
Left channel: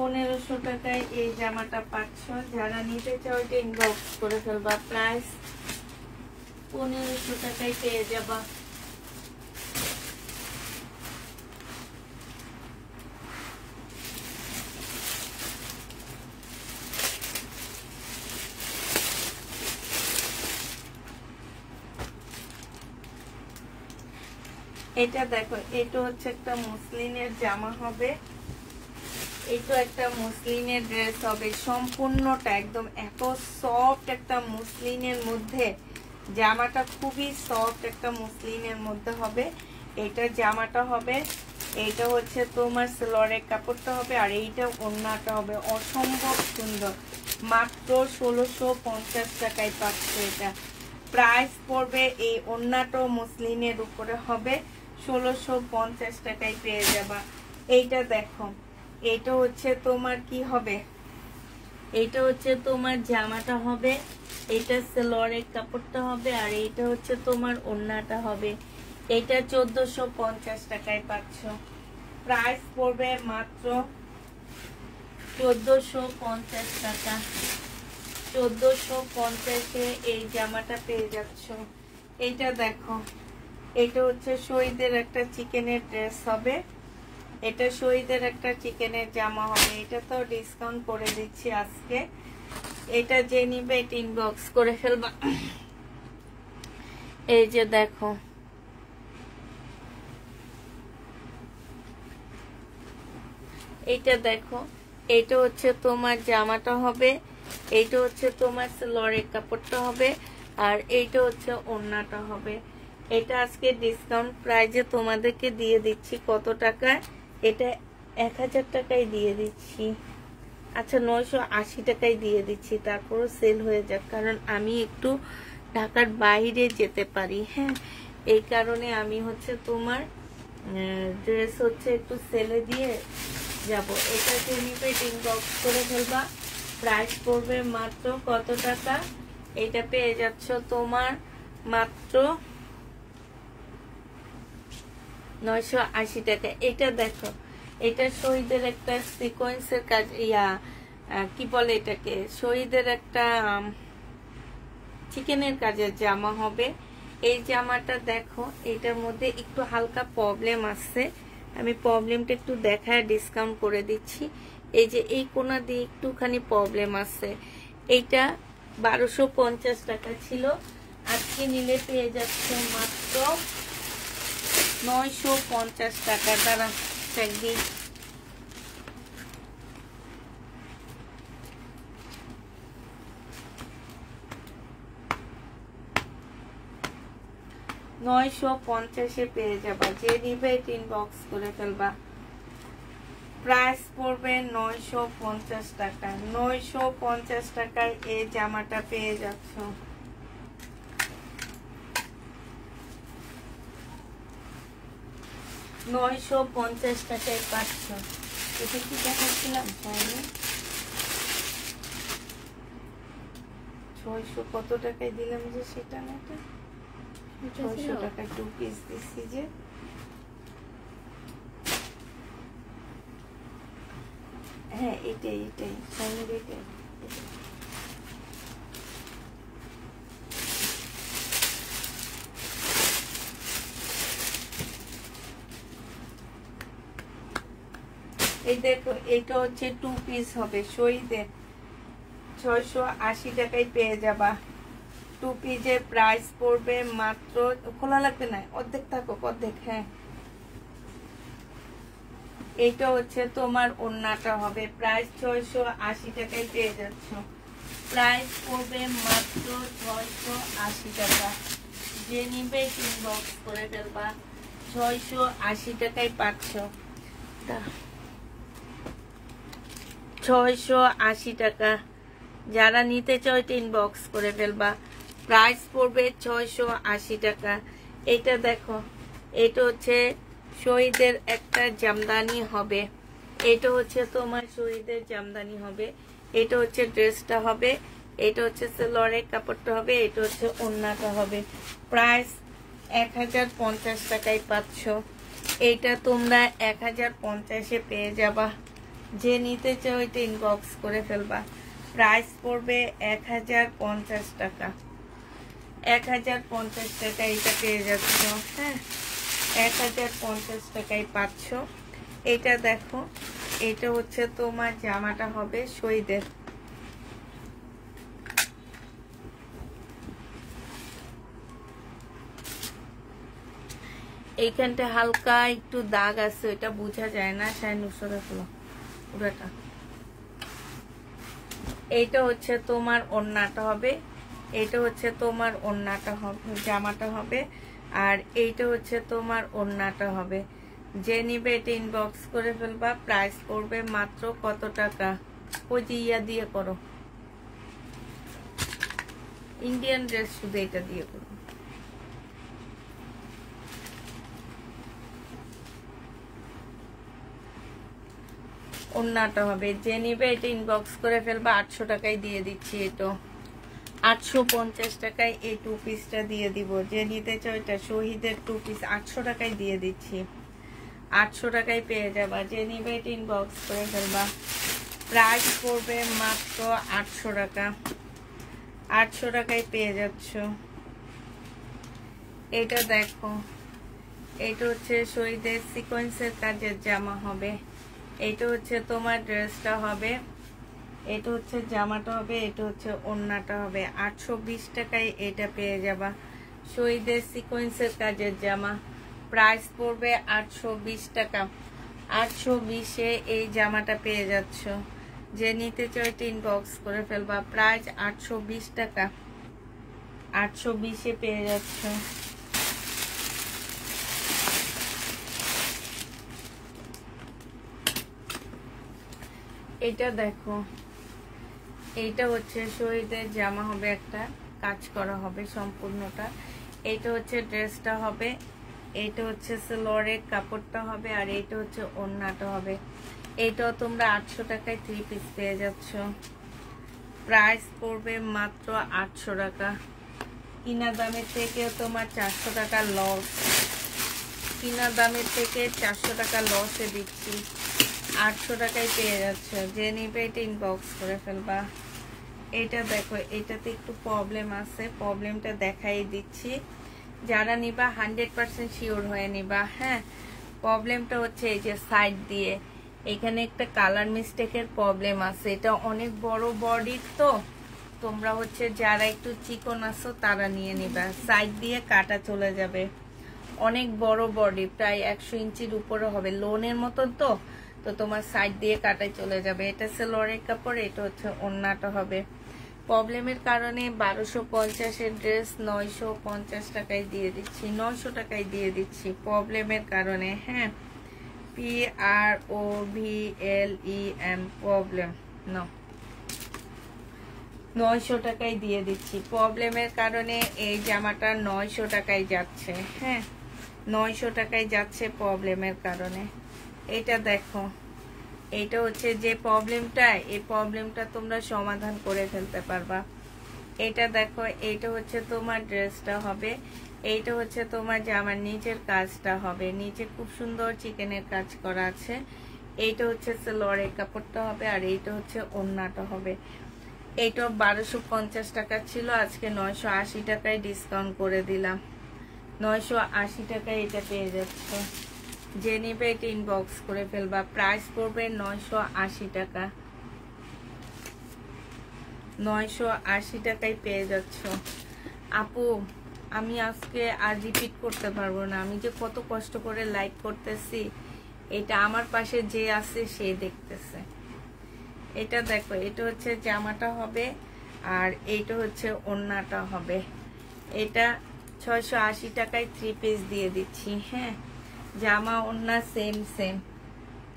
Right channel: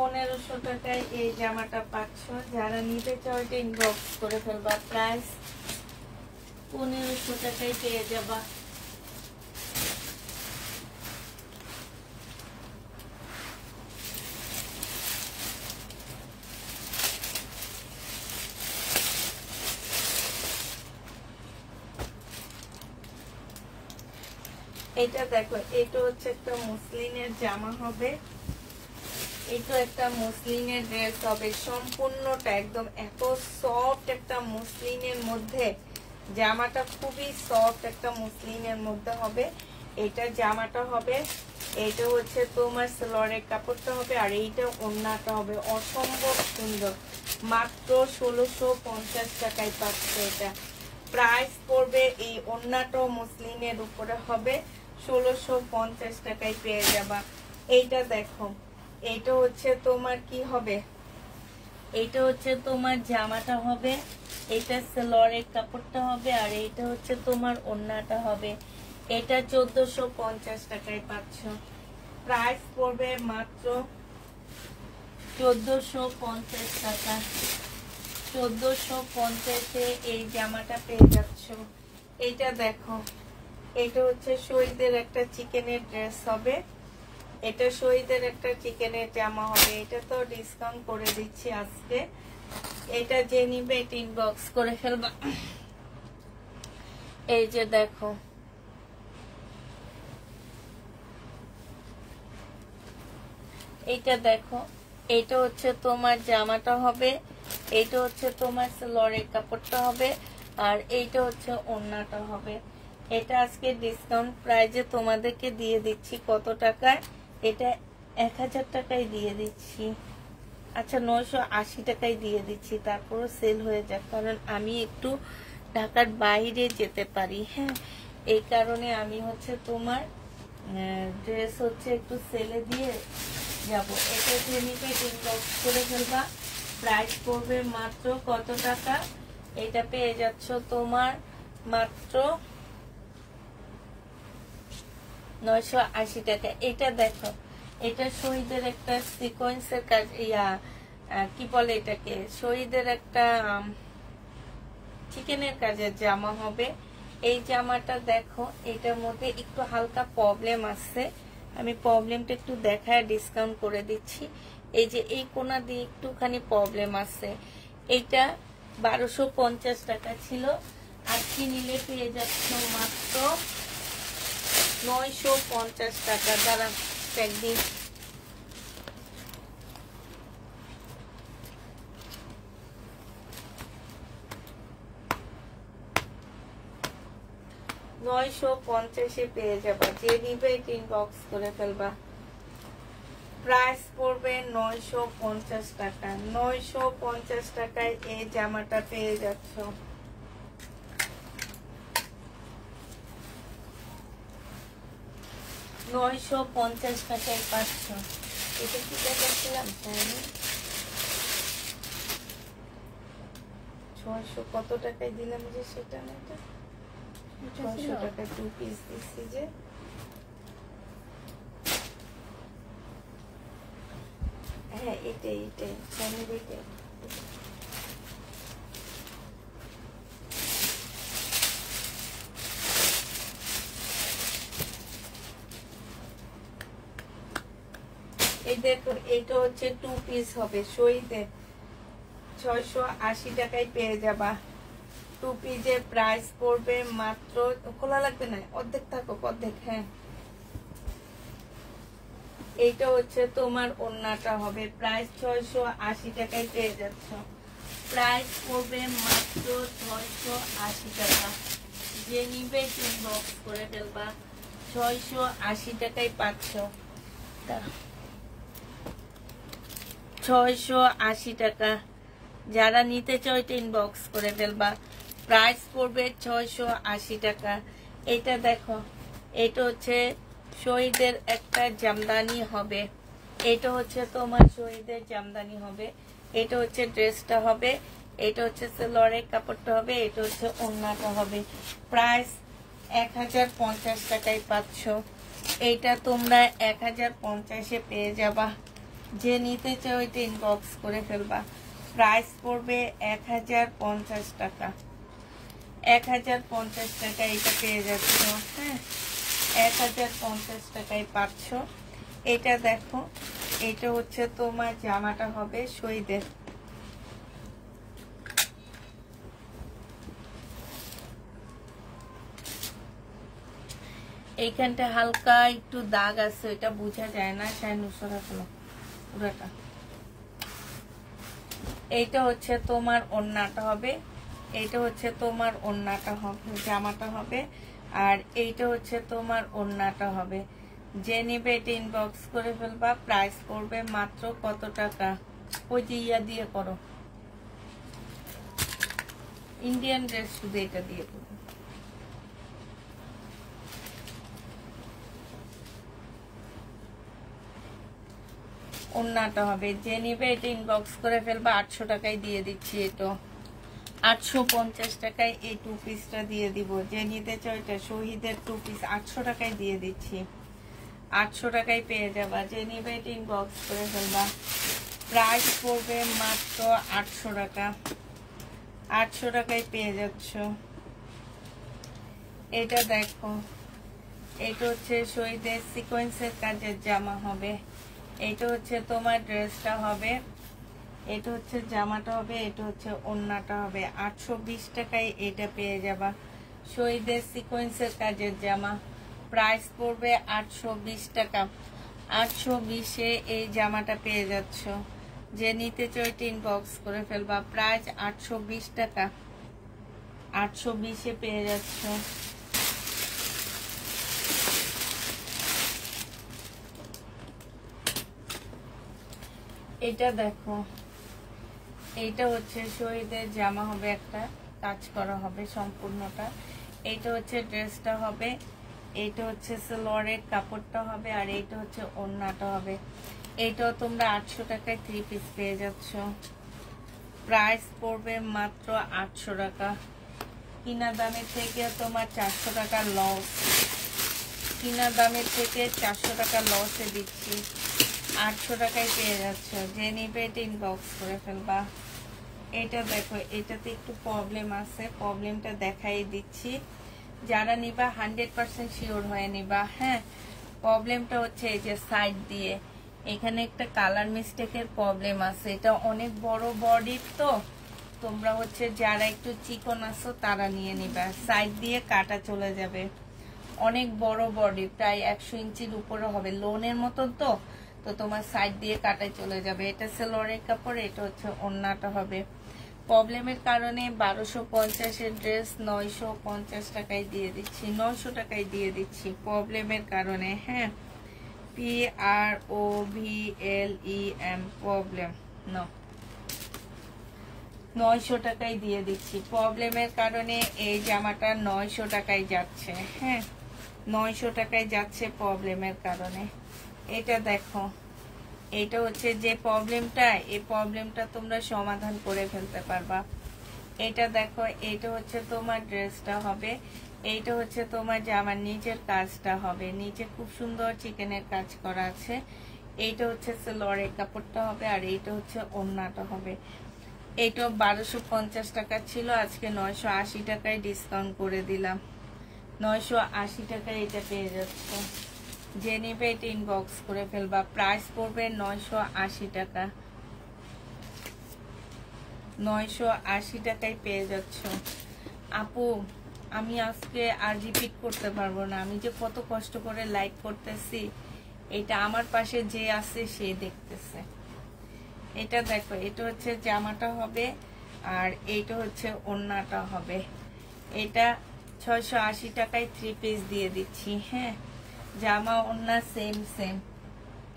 1500 টাকায় এই জামাটা পাচ্ছ। যারা নিতে চাও এটা ইনবক্স করে ফেলবা। প্রাইস 1500 টাকায় পেয়ে যাবা। এটা দেখো, এটা হচ্ছে একটা মুসলিনের জামা হবে। এই তো একটা মসলিনের ড্রেস হবে সম্পূর্ণটা একদম এত সফট একটা মসলিনের মধ্যে, জামাটা খুবই সফট একটা মসলিনের মধ্যে হবে। এটা জামাটা হবে, এইটা হচ্ছে তোমার সালোয়ারের কাপড়টা হবে, আর এইটা ওড়নাটা হবে অসম্ভব সুন্দর। মাত্র 1650 টাকায় পাচ্ছে এটা। প্রাইস পড়বে এই ওড়নাটাও মসলিনের উপরে হবে, 1650 টাকায় পেয়ে যাবা। এইটা দেখো, এইটা হচ্ছে তোমার কি হবে, এইটা হচ্ছে তোমার জামাটা হবে, এটা সালোয়ারের কাপড়টা হবে, আর এইটা হচ্ছে তোমার ওড়নাটা হবে। এটা 1450 টাকায় পাচ্ছ। প্রাইস পড়বে মাত্র 1450 টাকা। 1450-এ এই জামাটা পেয়ে যাচ্ছ। এইটা দেখো, এটা হচ্ছে শহীদের একটা চিকেনের ড্রেস হবে, এটা শহীদের একটা চিকেনের জামা হবে। এটা তো ডিসকাউন্ট করে দিচ্ছি আজকে। এটা যে নিবে এটা ইনবক্স করে ফেলবা। এই যে দেখো, এইটা দেখো, এইটা হচ্ছে তোমার জামাটা হবে, এইটা হচ্ছে তোমার সালোয়ারের কাপড়টা হবে, আর এইটা হচ্ছে ওড়নাটা হবে। এটা আজকে ডিসকাউন্ট প্রাইজে তোমাদেরকে দিয়ে দিচ্ছি কত টাকায়, এটা 1000 টাকায় দিয়ে দিচ্ছি। আচ্ছা 980 টাকায় দিয়ে দিচ্ছি, তারপরও সেল হয়ে যাক, কারণ আমি একটু ঢাকার বাইরে যেতে পারি। হ্যাঁ, এই কারণে আমি হচ্ছে তোমার ড্রেস হচ্ছে একটু সেলে দিয়ে যাব। এটা নিবে ইনবক্স করে ফেলবা। প্রাইস পড়বে মাত্র কত টাকা, এটা পেয়ে যাচ্ছ তোমার মাত্র 980 টাকা। এটা দেখো, এটা শহীদের একটা সিকোয়েন্সের কাজ, কি বলে এটাকে, শহীদের একটা চিকেনের কাজের জামা হবে। এই জামাটা দেখো, এটার মধ্যে একটু হালকা প্রবলেম আছে, আমি প্রবলেমটা একটু দেখায় ডিসকাউন্ট করে দিচ্ছি। এই যে এই কোনা দিয়ে একটুখানি প্রবলেম আছে। এইটা 1250 টাকা ছিল, আজকে নিলে পেয়ে যাচ্ছ মাত্র 950 টাকা। দ্বারা একদিন 950-এ পেয়ে যাবা। যে নিবে ইনবক্স করে ফেলবা। প্রাইস পড়বে 950 টাকা। 950 টাকায় এই জামাটা পেয়ে যাচ্ছ। $950 টাকায় পাচ্ছ। এটা কি দেখাচ্ছিলাম, 600 কত টাকায় দিলাম যে সেটা না, এটা 600 টাকা 2 পিস দিচ্ছি যে। হ্যাঁ এটাই সামনে দিতে। এই দেখো, এটা হচ্ছে 2 পিস হবে শহীদের, 680 টাকায় পেয়ে যাবা। 2 পিসের প্রাইস পড়বে মাত্র, খোলা লাগবে না, অর্ধেক থাকুক অর্ধেক। হ্যাঁ, এটা হচ্ছে তোমার ওড়নাটা হবে, প্রাইস 680 টাকায় পেয়ে যাচ্ছ। প্রাইস পড়বে মাত্র 680 টাকা। যে নিবে ইনবক্স করে ফেলবা। 680 টাকায় পাচ্ছ। 680 টাকা। যারা নিতে চাও ইনবক্স করে ফেলবা। প্রাইস পড়বে 680 টাকা। এটা দেখো, এটা হচ্ছে শহীদের একটা জামদানি হবে, এটা হচ্ছে তোমার শহীদের জামদানি হবে। এটা হচ্ছে ড্রেসটা হবে, এটা হচ্ছে সালোয়ারের কাপড়টা হবে, এটা হচ্ছে ওড়নাটা হবে। প্রাইস 1050 টাকায় পাচ্ছ। এইটা তোমরা 1050-এ পেয়ে যাবা। যে নিতে চাও এটা ইনবক্স করে ফেলবা। প্রাইস পড়বে 1050 টাকা। 1050 টাকা এটা পেয়ে যাচ্ছ। হ্যাঁ, 1050 টাকায় পাচ্ছ। এটা দেখো, এটা হচ্ছে তোমার জামাটা হবে শহীদের। এইখানটা হালকা একটু দাগ আছে, এটা বোঝা যায় না। 950 পুরাটা। এইটা হচ্ছে তোমার ওড়নাটা হবে, এইটা হচ্ছে তোমার ওড়নাটা হবে, জামাটা হবে, আর এইটা হচ্ছে তোমার ওড়নাটা হবে। যে নিবে এটা ইনবক্স করে ফেলবা। প্রাইস পড়বে মাত্র কত টাকা? ওই যে ইয়া দিয়ে করো, ইন্ডিয়ান ড্রেস, শুধু এটা দিয়ে করো। ওড়নাটা হবে, যে নিবে এটা ইনবক্স করে ফেলবা। 800 টাকায় দিয়ে দিচ্ছি। এটা 850 টাকায় এই 2 পিসটা দিয়ে দিব। যে নিতে চাও এটা শহীদের 2 পিস 800 টাকায় দিয়ে দিচ্ছি। 800 টাকায় পেয়ে যাবা। যে নিবে এটা ইনবক্স করে ফেলবা। প্রাইস পড়বে মাত্র 800 টাকা। 800 টাকায় পেয়ে যাচ্ছ। এটা দেখো, এটা হচ্ছে শহীদের সিকোয়েন্সের কাজের জামা হবে। এটা হচ্ছে তোমার ড্রেসটা হবে, এটা হচ্ছে জামাটা হবে, এটা হচ্ছে ওড়নাটা হবে। 820 টাকায় এটা পেয়ে যাবা। শহীদের সিকোয়েন্সের কাজের জামা, প্রাইস পড়বে 820 টাকা। 820-এ এই জামাটা পেয়ে যাচ্ছ। যে নিতে চাও এটা ইনবক্স করে ফেলবা। প্রাইস 820 টাকা। 820-এ পেয়ে যাচ্ছ। এটা দেখো, এইটা হচ্ছে শহীদের জামা হবে, একটা কাজ করা হবে সম্পূর্ণটা। এইটা হচ্ছে ড্রেসটা হবে, এইটা হচ্ছে সালোয়ারের কাপড়টা হবে, আর এইটা হচ্ছে ওড়নাটা হবে। এইটাও তোমরা 800 টাকায় 3 পিস পেয়ে যাচ্ছ। প্রাইস পড়বে মাত্র 800 টাকা। কিনা দামের থেকেও তোমার 400 টাকা লস। কিনা দামের থেকে 400 টাকা লসে দিচ্ছি। 800 টাকায় পেয়ে যাচ্ছে। যে নিবে এটা ইনবক্স করে ফেলবা। এটা দেখো, এটাতে একটু প্রবলেম আছে, প্রবলেমটা দেখাই দিচ্ছি। যারা নিবা 100% শিওর হয়ে নিবা। হ্যাঁ, প্রবলেমটা হচ্ছে এই যে সাইড দিয়ে এখানে একটা কালার মিস্টেকের প্রবলেম আছে। এটা অনেক বড় বডি, তো তোমরা হচ্ছে যারা একটু চিকন আছো তারা নিয়ে নিবা। সাইড দিয়ে কাটা চলে যাবে। অনেক বড় বডি, প্রায় 100 ইঞ্চির উপরে হবে, লোনের মতন, তো তোমার সাইড দিয়ে কাটায় চলে যাবে। এটা সালোয়ারের কাপড়, এটা হচ্ছে ওড়নাটা হবে। প্রবলেমের কারণে 1250-এর ড্রেস 950 টাকায় দিয়ে দিচ্ছি। 900 টাকায় দিয়ে দিচ্ছি প্রবলেমের কারণে। হ্যাঁ, PROBLEM, প্রবলেম। 900 টাকায় দিয়ে দিচ্ছি। প্রবলেমের কারণে এই জামাটা 900 টাকায় যাচ্ছে। হ্যাঁ, 900 টাকায় যাচ্ছে প্রবলেমের কারণে। এটা দেখো, এটা হচ্ছে যে প্রবলেমটা, এই প্রবলেমটা তোমরা সমাধান করে ফেলতে পারবা। এটা দেখো, এইটা হচ্ছে তোমার ড্রেসটা হবে, এইটা হচ্ছে তোমার জামার নিচের কাজটা হবে। নিচে খুব সুন্দর চিকেনের কাজ করা আছে। এইটা হচ্ছে সালোয়ারের কাপড়টা হবে, আর এইটা হচ্ছে ওড়নাটা হবে। এইটা 1250 টাকা ছিল, আজকে 980 টাকায় ডিসকাউন্ট করে দিলাম। 980 টাকায় এটা পেয়ে যাচ্ছে। যে নিবে এটা ইনবক্স করে ফেলবা। প্রাইস পড়বে 980 টাকা। 980 টাকায় পেয়ে যাচ্ছ। আপু, আমি আজকে আর রিপিট করতে পারবো না। আমি যে কত কষ্ট করে লাইভ করতেছি, এটা আমার পাশে যে আছে সে দেখতেছে। এটা দেখো, এটা হচ্ছে জামাটা হবে, আর এইটা হচ্ছে ওড়নাটা হবে। এটা 680 টাকায় 3 পিস দিয়ে দিচ্ছি। হ্যাঁ, জামা ওড়না সেম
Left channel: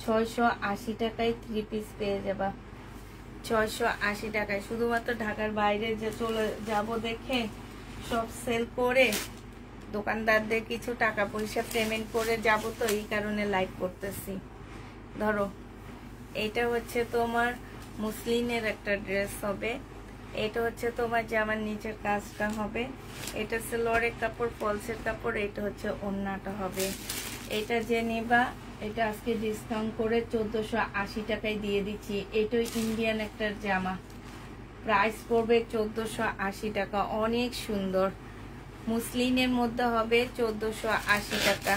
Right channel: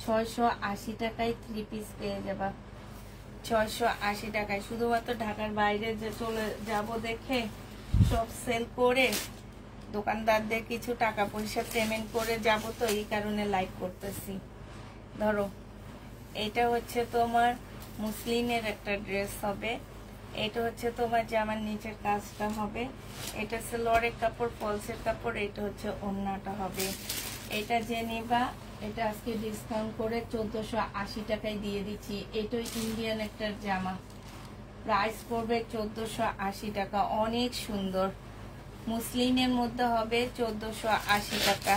680 টাকায় 3 পিস পেয়ে যাবা। 680 টাকায়। শুধুমাত্র ঢাকার বাইরে যে চলে যাব দেখে সব সেল করে দোকানদারদের কিছু টাকা পয়সা পেমেন্ট করে যাব, তো এই কারণে লাইভ করতেছি। ধরো, এটা হচ্ছে তোমার মুসলিমের একটা ড্রেস হবে, এটা হচ্ছে তোমার জামার নিচের কাজটা হবে, এটা সালোয়ারের কাপড়, ফলসের কাপড়, এটা হচ্ছে ওড়নাটা হবে। এটা যে নিবা, এটা আজকে ডিসকাউন্ট করে 1480 টাকায় দিয়ে দিচ্ছি। এটা ইন্ডিয়ান একটা জামা, প্রাইস পড়বে 1480 টাকা। অনেক সুন্দর, মুসলিমের মধ্যে হবে 1480 টাকা।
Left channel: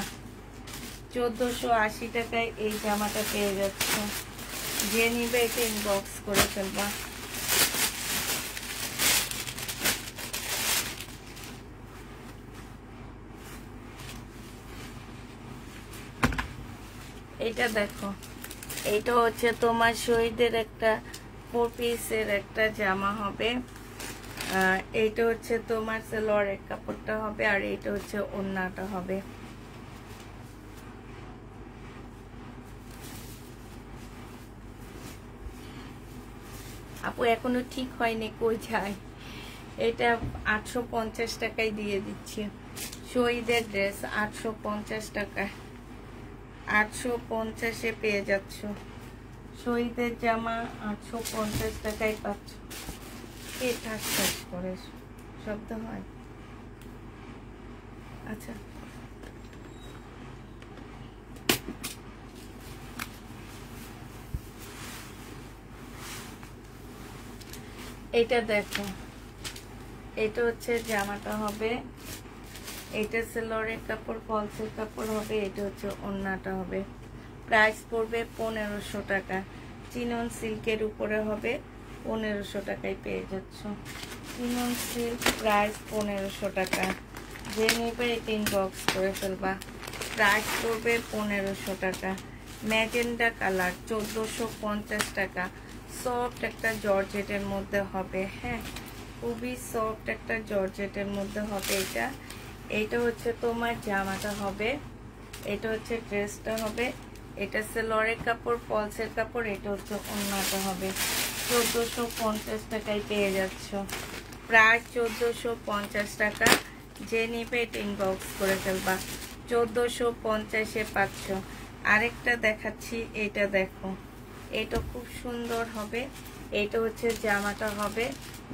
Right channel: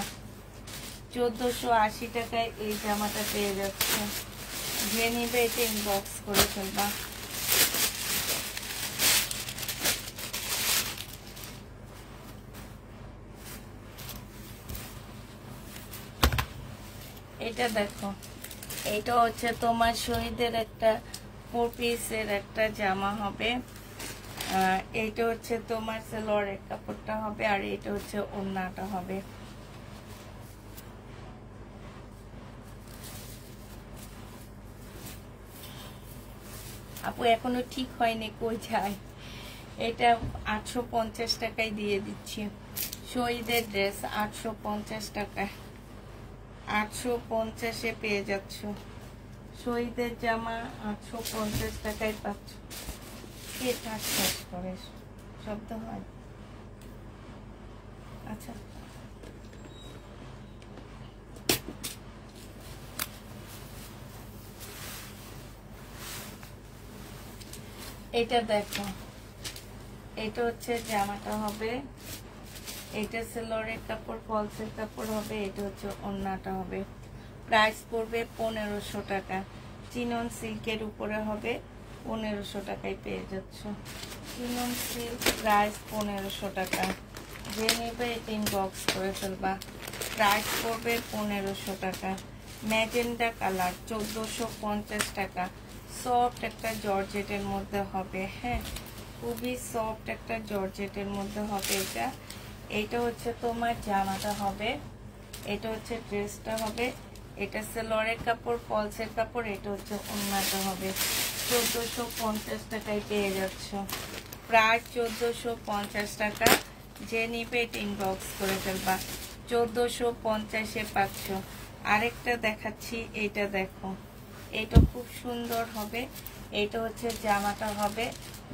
1480 টাকায় এই জামাটা পেয়ে যাচ্ছে। যে নিবে এটা ইনবক্স করে ফেলবা। এটা দেখো, এটা হচ্ছে তোমার শহীদের একটা 4 পিসের একটা জামা হবে। এইটা হচ্ছে তোমার সালোয়ারের কাপড়টা হবে, আর এটা হচ্ছে ওড়নাটা হবে। আপু এখনো ঠিক হয়নি কই যায়। এটা 850 টাকায় দিয়ে দিচ্ছি। শহীদের ড্রেস 850 টাকা, 850-এ পেয়ে যাচ্ছ। শহীদের জামা 850 টাকায় পাচ্ছ। কে ঠাক করে শব্দ হয়? আচ্ছা, এটা দেখো, এটা হচ্ছে জামাটা হবে, এটা সালোয়ারের কাপড়, ফলসের কাপড় হবে, এটা হচ্ছে ওড়নাটা হবে। প্রাইস পড়বে 1500 টাকা। চিনন সিল্কের উপরে হবে, 1500 টাকায় পেয়ে যাচ্ছ। চিনন সিল্ক প্রাইস 1500 টাকা। যে নেবে এটা ইনবক্স করে ফেলবা। প্রাইস পড়বে 1500 টাকা। ম্যাজেন্ডা কালার 1450 টাকা। সফট একটা জর্জেটের মধ্যে হবে, হ্যাঁ খুবই সফট একটা জর্জেটের মধ্যে হবে। এটা হচ্ছে তোমার জামাটা হবে, এটা হচ্ছে ড্রেসটা হবে, এটা সালোয়ারের কাপড়, ফলসের কাপড়, এটা হচ্ছে ওড়নাটা হবে। 1450 টাকায় পেয়ে যাচ্ছ। প্রায় 1450 টাকা। যে নিবে এটা ইনবক্স করে ফেলবা। 1450-এ পাচ্ছ। আরেকটা দেখাচ্ছি, এটা দেখো, এটা খুব সুন্দর হবে। এটা হচ্ছে জামাটা হবে,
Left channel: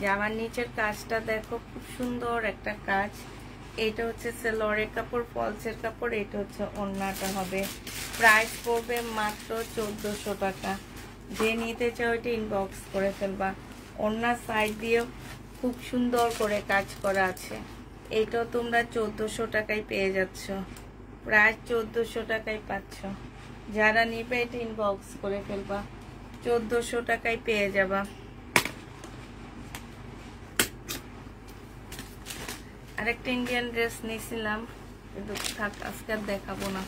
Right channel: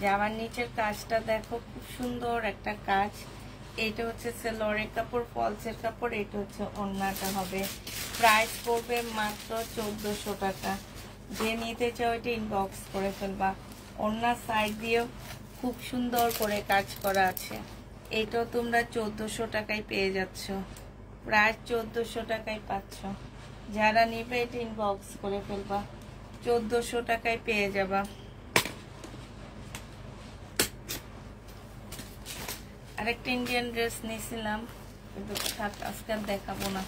জামার নিচের কাজটা দেখো, খুব সুন্দর একটা কাজ। এটা হচ্ছে সালোয়ারের কাপড়, ফলসের কাপড়, এটা হচ্ছে ওড়নাটা হবে। প্রাইস পড়বে মাত্র 1400 টাকা। যে নিতে চাও এটা ইনবক্স করে ফেলবা। ওড়নার সাইড দিয়েও খুব সুন্দর করে কাজ করা আছে। এটাও তোমরা 1400 টাকায় পেয়ে যাচ্ছ। প্রায় 1400 টাকায় পাচ্ছ। যারা নিবে এটা ইনবক্স করে ফেলবা। 1400 টাকায় পেয়ে যাবা। আরেকটা ইন্ডিয়ান ড্রেস নিয়েছিলাম, কিন্তু আজকে দেখাবো না।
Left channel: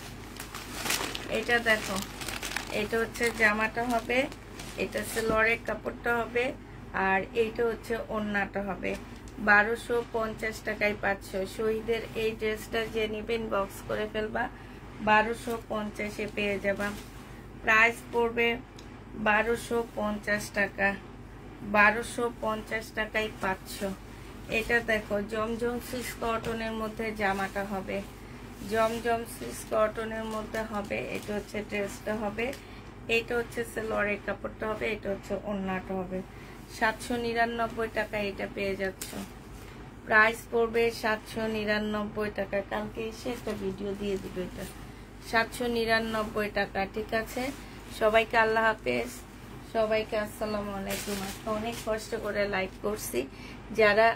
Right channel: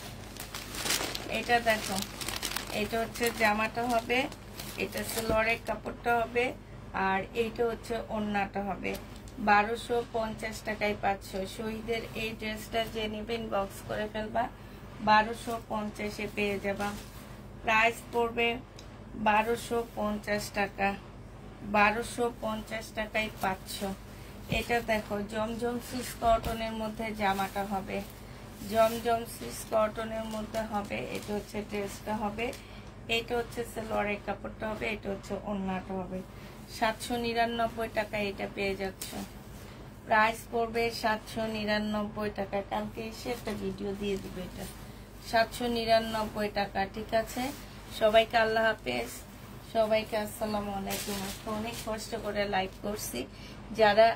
এটা দেখো, এটা হচ্ছে জামাটা হবে, এটা হচ্ছে সালোয়ারের কাপড়টা হবে, আর এইটা হচ্ছে ওড়নাটা হবে। 1250 টাকায় পাচ্ছ। শহীদের এই ড্রেসটা যে নিবে ইনবক্স করে ফেলবা। 1250-এ পেয়ে যাবা। প্রাইস পড়বে 1250 টাকা। 1250 টাকায় পাচ্ছ। এটা দেখো, জমজম সুইস কটনের মধ্যে জামাটা হবে, জমজম সুইস কটনের মধ্যে হবে। এটা হচ্ছে ড্রেসটা হবে, এটা হচ্ছে সালোয়ারের কাপড়টা হবে, এটা হচ্ছে ওড়নাটা হবে। 799 টাকা এটা পেয়ে যাচ্ছ। প্রাইস পড়বে 799 টাকা। কালকে এসে একটা ভিডিও দিয়ে দিবে। এটা 799 টাকা। ঠিক আছে, সবাইকে আল্লাহ হাফেজ, সবাইকে আসসালামু আলাইকুম। অনেক কষ্ট করে লাইভ করছি। যারা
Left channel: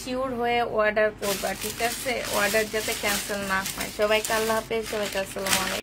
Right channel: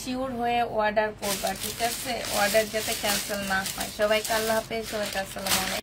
শিওর হয়ে অর্ডার করবা, ঠিক আছে, অর্ডার যাতে ক্যান্সেল না হয়। সবাইকে আল্লাহ হাফেজ, সবাইকে আসসালামু আলাইকুম।